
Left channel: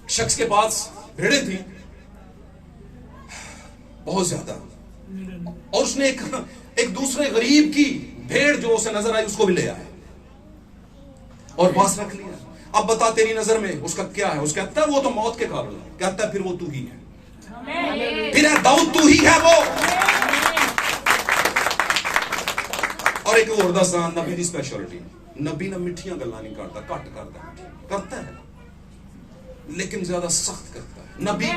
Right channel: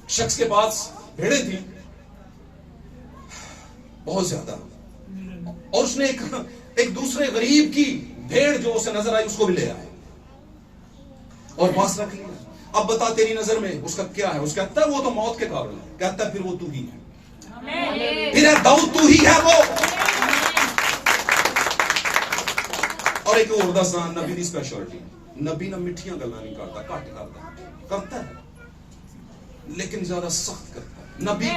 शख्स के पास भेड़ें थी बहुत ज्यादा, और उसने एक दूसरे गरीब की भेड़ जो उसे नजर आई उसको भी ले आया और पास रख लिया। अब बता तेरी नजर में उसका क्या है? उसका कहता है वो तो मौत के काबिल है। कहता है फिर वो तू ही है, फिर है दाऊद तू ही है वो। और एक और दसा नबी की स्पेशलिटी, नबी ना मिठियां गल्लां नहीं करता, घट करता है, लेकिन ज्यादा सख्त करता है। नबी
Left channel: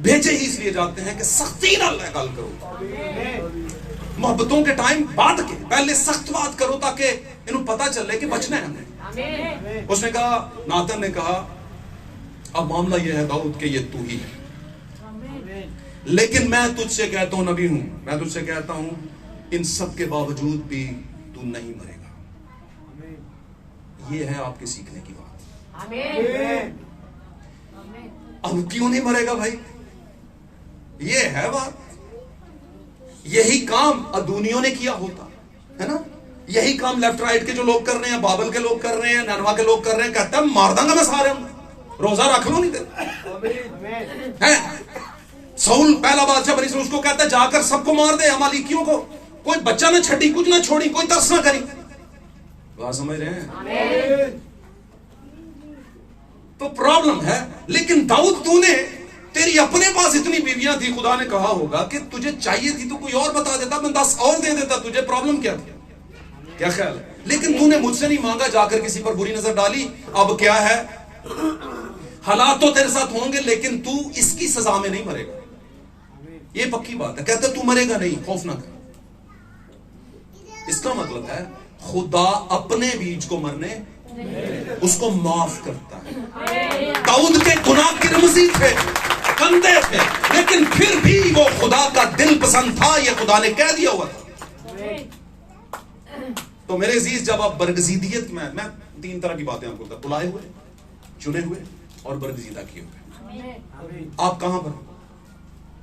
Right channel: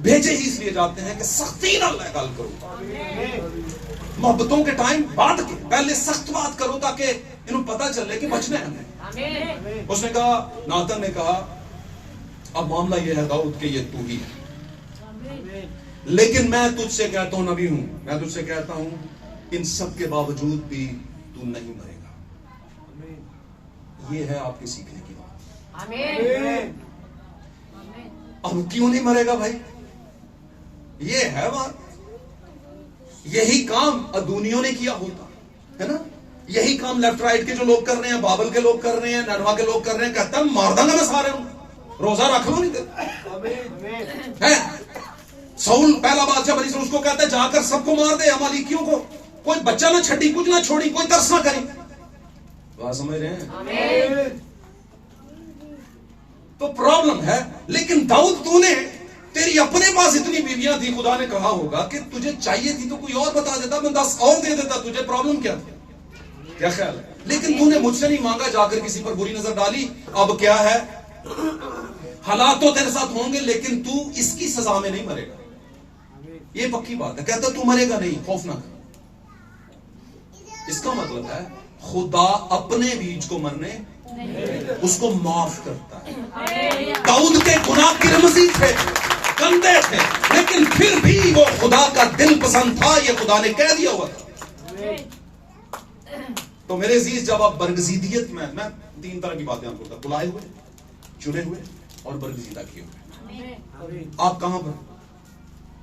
भेजे ही इसलिए जाते हैं कि सख्ती नाल गल करो, मोहब्बतों के टाइम बाद के पहले सख्त बात करो, ताकि इन्हें पता चले कि बचना है हमने। उसने कहा, नातन ने कहा अब मामला यह है दाऊद के ये तू ही है, लेकिन मैं तुझसे कहता हूं, नबी हूं, मैं तुझसे कहता हूं इन सब के बावजूद भी तू नहीं मरेगा। ये है आपके सीखने की बात। अब क्यों नहीं मरेगा भाई? ये है बात। यही काम अदूनियों ने किया होता है ना, यही काम लेफ्ट राइट के जो लोग कर रहे हैं, बाबल के लोग कर रहे हैं, नरवा के लोग कर रहे हैं। कहता है मार दूंगा मैं सारे, रोजा रख लो नहीं देता है। साउल पहला बादशाह बनी, उसको कहता है जाकर सबको मार दे, अमालिकियों को, कोई बच्चा ना छड़ी, कुछ ना छोड़ी, कोई तरस ना करी। बात समझ रहे हैं? तो प्रॉब्लम है। लेकिन दाऊद तूने, तेरी अपने पास इतनी बीवियां थी, खुदा ने कहा होगा कि तुझे चाहिए थी तो कोई और बता देता, मैं 10 और दे देता तुझे, प्रॉब्लम क्या थी? क्या ख्याल है? लेकिन तूने मुझसे नहीं मांगा, जाकर किसी पर बुरी नजर डाली। अब क्या है? हालात तो तेरे साथ होंगे, लेकिन तू इसकी सजा में नहीं मरेगा। ये पक्की बात है। कहते तू मरेगा नहीं, खौफ ना कर। इसका मतलब है खुदा अपने बीज को मरने उसको माफ करता है। दाऊद के गुनाह गिरमसी थे, गंदे थे, लेकिन फिर भी वो खुदा का दिल पसंद था, ये खुदा ने कह दिया हुआ था। तो मेरे अजीज, जब आप बरगजीदियत में, मैं 3 तरह की बातें आपको बताऊं, बुलाए हुए, चुने हुए और बरगजीदा किए हुए। आप कहां पर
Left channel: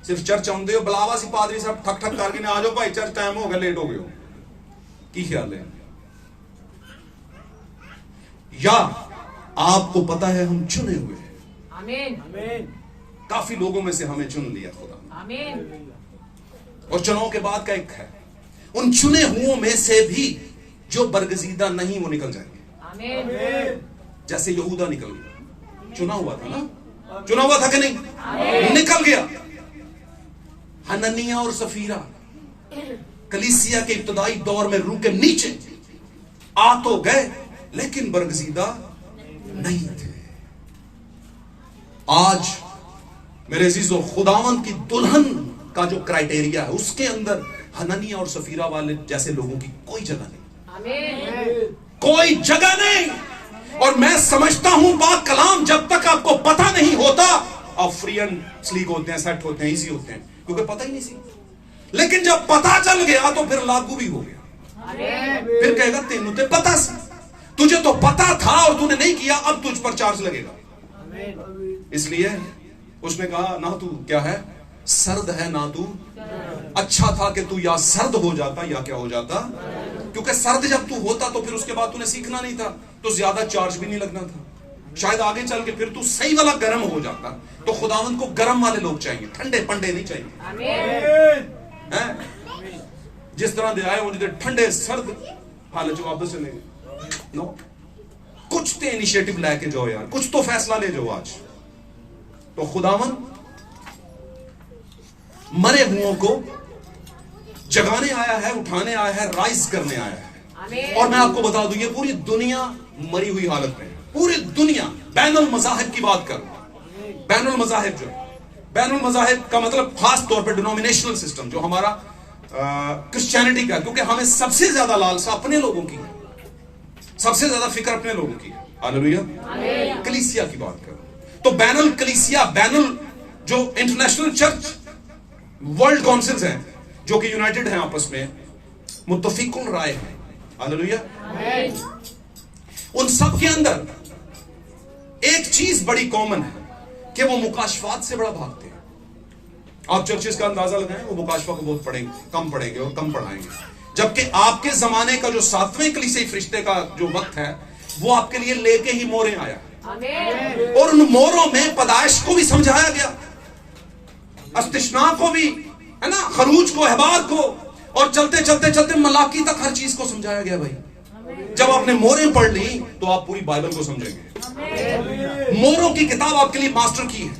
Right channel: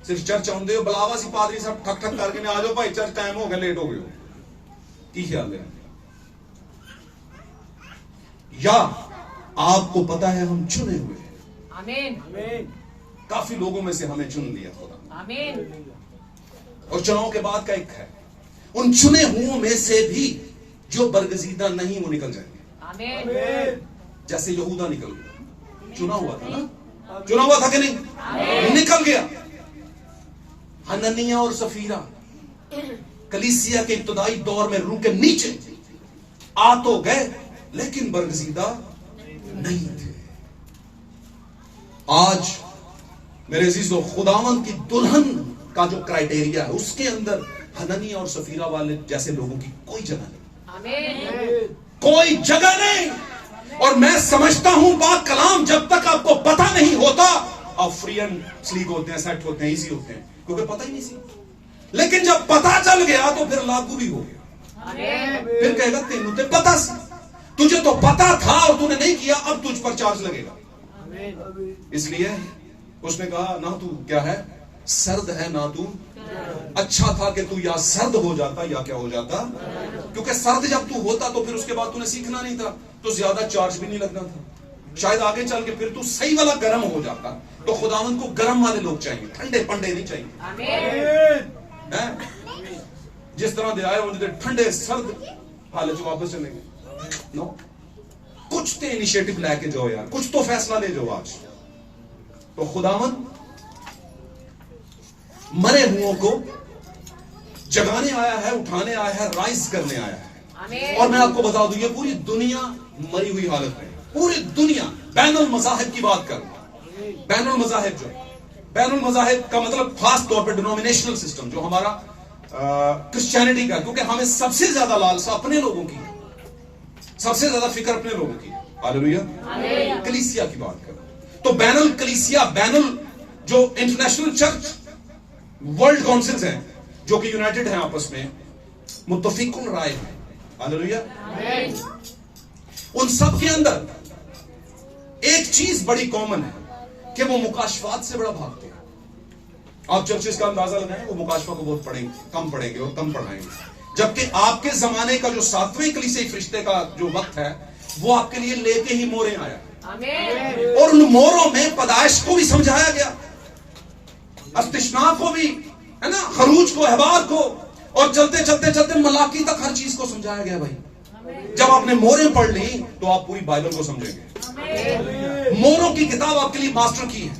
सिर्फ चर्च आते हो, बुलावा सी पादरी साहब ठक ठक करके आ जाओ भाई चर्च टाइम हो गया, लेट हो गए हो, की ख्याल है? या आपको पता है हम चुने हुए हैं। आमीन। काफी लोगों में से हमें चुन लिया खुदा। आमीन। और चुनाव के बाद का एक है, उन चुने हुओं में से भी जो बरगजीदा नहीं वो निकल जाएंगे। आमीन। जैसे यहूदा निकल गया, चुना हुआ था ना, चुना हुआ था कि नहीं? निकल गया। हननिया और सफीरा कलीसिया के इब्तदाई दौर में रूह के नीचे आ तो गए, लेकिन बरगजीदा नहीं थे। आज मेरे अजीजों, खुदावन की दुल्हन का जो क्राइटेरिया है, उसके अंदर हननिया और सफीरा वाले जैसे लोगों की कोई जगह नहीं, कोई जगह नहीं। और मैं समझता हूं बात कलाम जब तक आपको पता नहीं होता, आप फ्री एंड स्लीक होते हैं, सेट होते हैं, इजी होते हैं, क्योंकि पता ही नहीं सी। लेकिन जब पता चल गया तो फिर लागू भी हो गया। फिर कहेगा तेनू ते पता सी, तुझे तो पता था और तूने नहीं किया, अब तुझ पर चार्ज लगेगा। इसलिए उसने कहा ना तू क्या है, सर्द है, ना तू अच्छा था कि तू या सर्द हो जाता या क्या हो जाता, क्योंकि सर्द जब तू होता तो फिर उसके बाद तूने सीखना नहीं था, तो ज्यादा चार्ज भी नहीं लगना था, शायद आगे चल के फिर तू सही वाला गर्म हो जाता। तो खुदावंद को गर्म वाले लोग चाहिए, ठंडे पंडे नहीं चाहिए। जिस तरह दे आए उनके ठंडे सर्द हालत वापस चले गए। नो, कुछ तो इनिशिएटिव लेके जाओ यार, कुछ तो फैसला ले जाओ आज। तो खुदावंद मरे हुओं को जगाने आया है, उठाने आया है, राइज करने आया है। और मैं आपको बता दूं, ये पूरी दुनिया मरी हुई हालत में, पूरी दुनिया बैनुल मज़ाहिब की बात कर, बैनुल मज़ाहिब जो बैनुल मज़ाहिब का मतलब खास तौर पे डिनोमिनेशनल सिस्टम जो हमारा क्रिश्चियनिटी का, क्योंकि हमें सबसे ज्यादा लालसा अपने लोगों की, सबसे ज्यादा फिक्र अपने लोगों की। हालेलुया। कलीसिया की बात करो तो बैनुल कलीसिया, बैनुल जो इंटरनेशनल चर्च वर्ल्ड काउंसिल्स हैं, जो कि यूनाइटेड हैं आपस में, मुत्तफिकुन राय है। हालेलुया। उन सब के अंदर एक चीज बड़ी कॉमन है कि वो मुकाशफात से बड़ा भागते हैं। आप चर्चेस का अंदाजा लगाएं, वो मुकाशफा को बहुत पढ़ेंगे, कम पढ़ेंगे और कम पढ़ाएंगे, जबकि आपके जमाने का जो 7वें कलीसियाई फरिश्ते का जो वक्त है, वो आपके लिए लेके ही मोरे आया। आमीन। और उन मोरों में पैदाइश को भी समझाया गया, अस्तिश्ना को भी, है ना, खरूज को, अहबार को, और चलते चलते चलते मलाकी तक हर चीज को समझाया गया। भाई जब आपने मोरे पढ़ ली तो आप पूरी बाइबल को समझेंगे। मोरों की किताब आपके लिए मास्टर की है,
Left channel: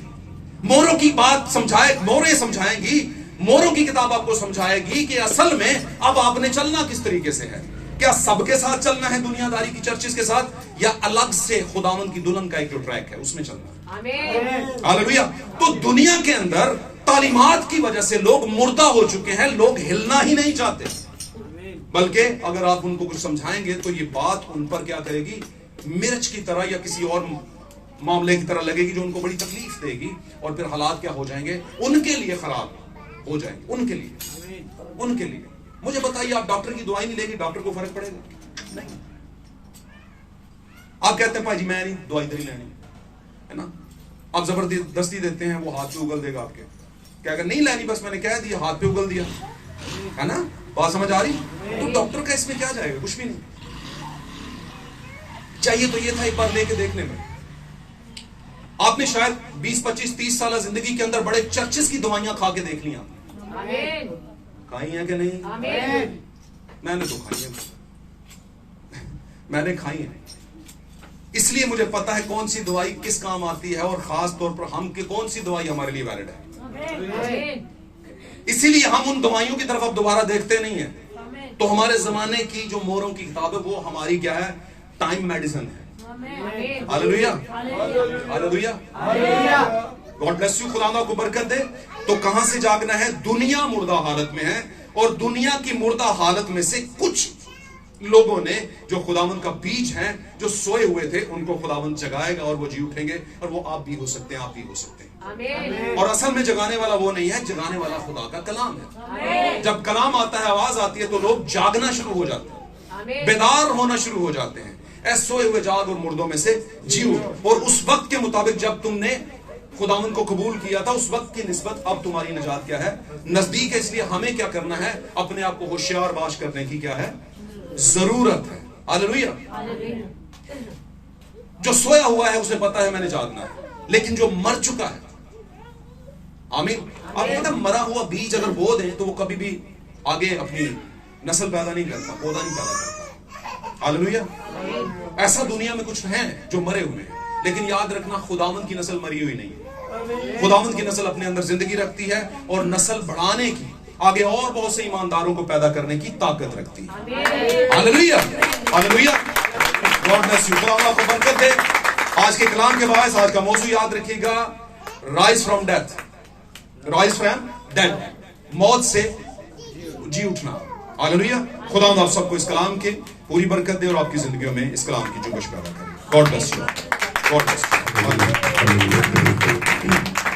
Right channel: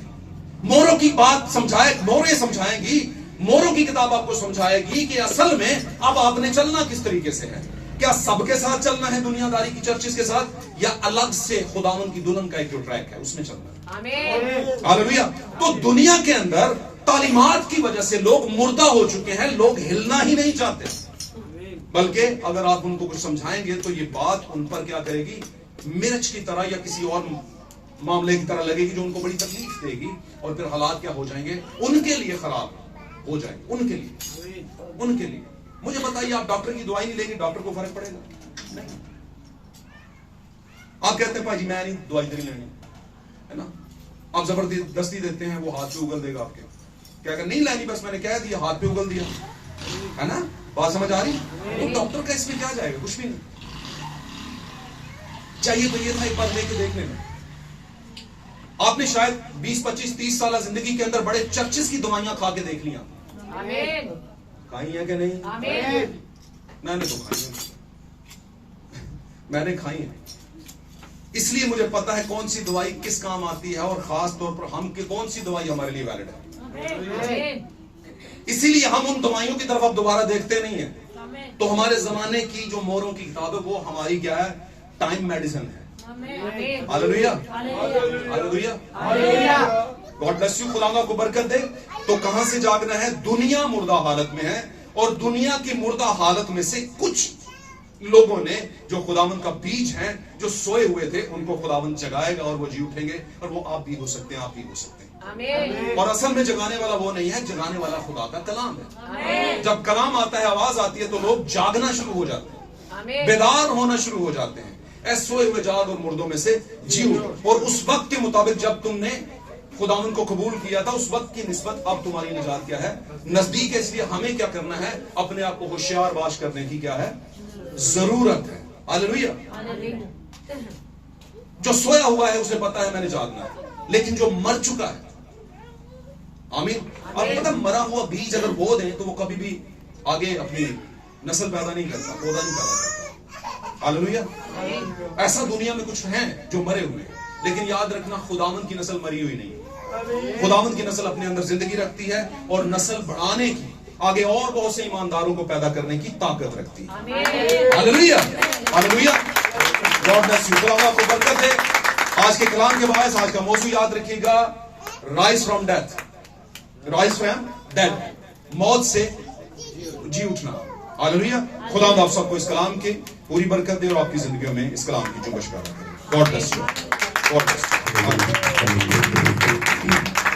मोरों की बात मोरे समझाएंगी, मोरों की किताब आपको समझाएगी कि असल में अब आपने चलना किस तरीके से है। क्या सबके साथ चलना है दुनियादारी की चर्चिस के साथ, या अलग से खुदावन की दुल्हन का एक जो ट्रैक है उसमें चलना है। हालेलुया। तो दुनिया के अंदर तालीमात की वजह से लोग मुर्दा हो चुके हैं, लोग हिलना ही नहीं चाहते, बल्कि अगर आप उनको कुछ समझाएंगे तो ये बात उन पर क्या करेगी, मिर्च की तरह या किसी और मामले की तरह लगेगी जो उनको बड़ी तकलीफ देगी, और फिर हालात क्या हो जाएंगे, उनके लिए खराब हो जाएंगे, उनके लिए। मुझे बताइए, आप डॉक्टर की दवाई नहीं लेंगे, डॉक्टर को फर्क पड़ेगा? नहीं। आप कहते हैं भाई मैं नहीं दवाई नहीं लेनी, है ना, आप जबरदस्ती देते हैं, वो हाथ पे उगल देगा आपके, क्या कर नहीं लेनी, बस मैंने कह दिया, हाथ पे उगल दिया, है ना, बात समझ आ रही? तो डॉक्टर का इसमें क्या जाएगा, कुछ भी नहीं। चाहिए तो ये था एक बार लेके देखने में। आपने शायद 20, 25, 30 साल जिंदगी के अंदर बड़े चर्चिस की दवाइयां खा के देख लिया, खाई है कि नहीं? मैंने तो खाई है, मैंने खाई है, इसलिए मुझे पता है कौन सी दवाई किस काम आती है, और खास तौर पर हम कि कौन सी दवाई हमारे लिए वैलिड है। इसीलिए हम उन दवाइयों की तरफ अब दोबारा देखते नहीं है। तो हमारे जमाने की जो मोरों की किताब है, वो हमारी क्या है, टाइम मेडिसिन है। Hallelujah, hallelujah. God bless you, खुदा आपको बरकत दे। तो कहां से जागना है? दुनिया मुर्दा हालत में है, और दुनिया की मुर्दा हालत में से कुछ लोगों ने जो खुदावंद का बीज हैं, जो सोए हुए थे, उनको खुदावंद जगाएगा और वो जी उठेंगे। और वो आप भी हो सकते हैं, आप भी हो सकते हैं। और असल में जगाने वाला वो नहीं है, जगाने वाला खुदा का कलाम है। जब कलाम आता है, आवाज आती है, तो लोग जागना शुरू हो जाते हैं, बेदार होना शुरू हो जाते हैं। ऐसे सोए हुए जाग और मुर्दों में से जी उठ। और उस वक्त के मुताबिक जब तुमने खुदावंद को कबूल किया था, उस वक्त की निस्बत अब तुम्हारी निजात क्या है? नजदीक है। इसलिए हमें क्या करना है? अपने आप को होशियार बाश करने की क्या है? जरूरत है। हालेलुया। जो सोया हुआ है उसे पता है मैंने जागना है, लेकिन जो मर चुका है, आमीन। अब पता, मरा हुआ बीज अगर बो दें तो वो कभी भी आगे अपनी नस्ल पैदा नहीं करता, पौधा नहीं पैदा करता। हालेलुया। ऐसा दुनिया में कुछ है जो मरे हुए हैं, लेकिन याद रखना, खुदावंद की नस्ल मरी हुई नहीं है। खुदावंद की नस्ल अपने अंदर जिंदगी रखती है, और नस्ल बढ़ाने की, आगे और बहुत से ईमानदारों को पैदा करने की ताकत रखती है। Hallelujah, hallelujah. God bless you, खुदा आपको बरकत दे। आज के कलाम के बाद आज का मौजू याद रखिएगा, rise from death, rise from death, मौत से जी उठना। हालेलुया। खुदा आप सबको इस कलाम की पूरी बरकत दे और आपकी जिंदगियों में इस कलाम की जुम्मश पैदा करे। God bless you, God bless you.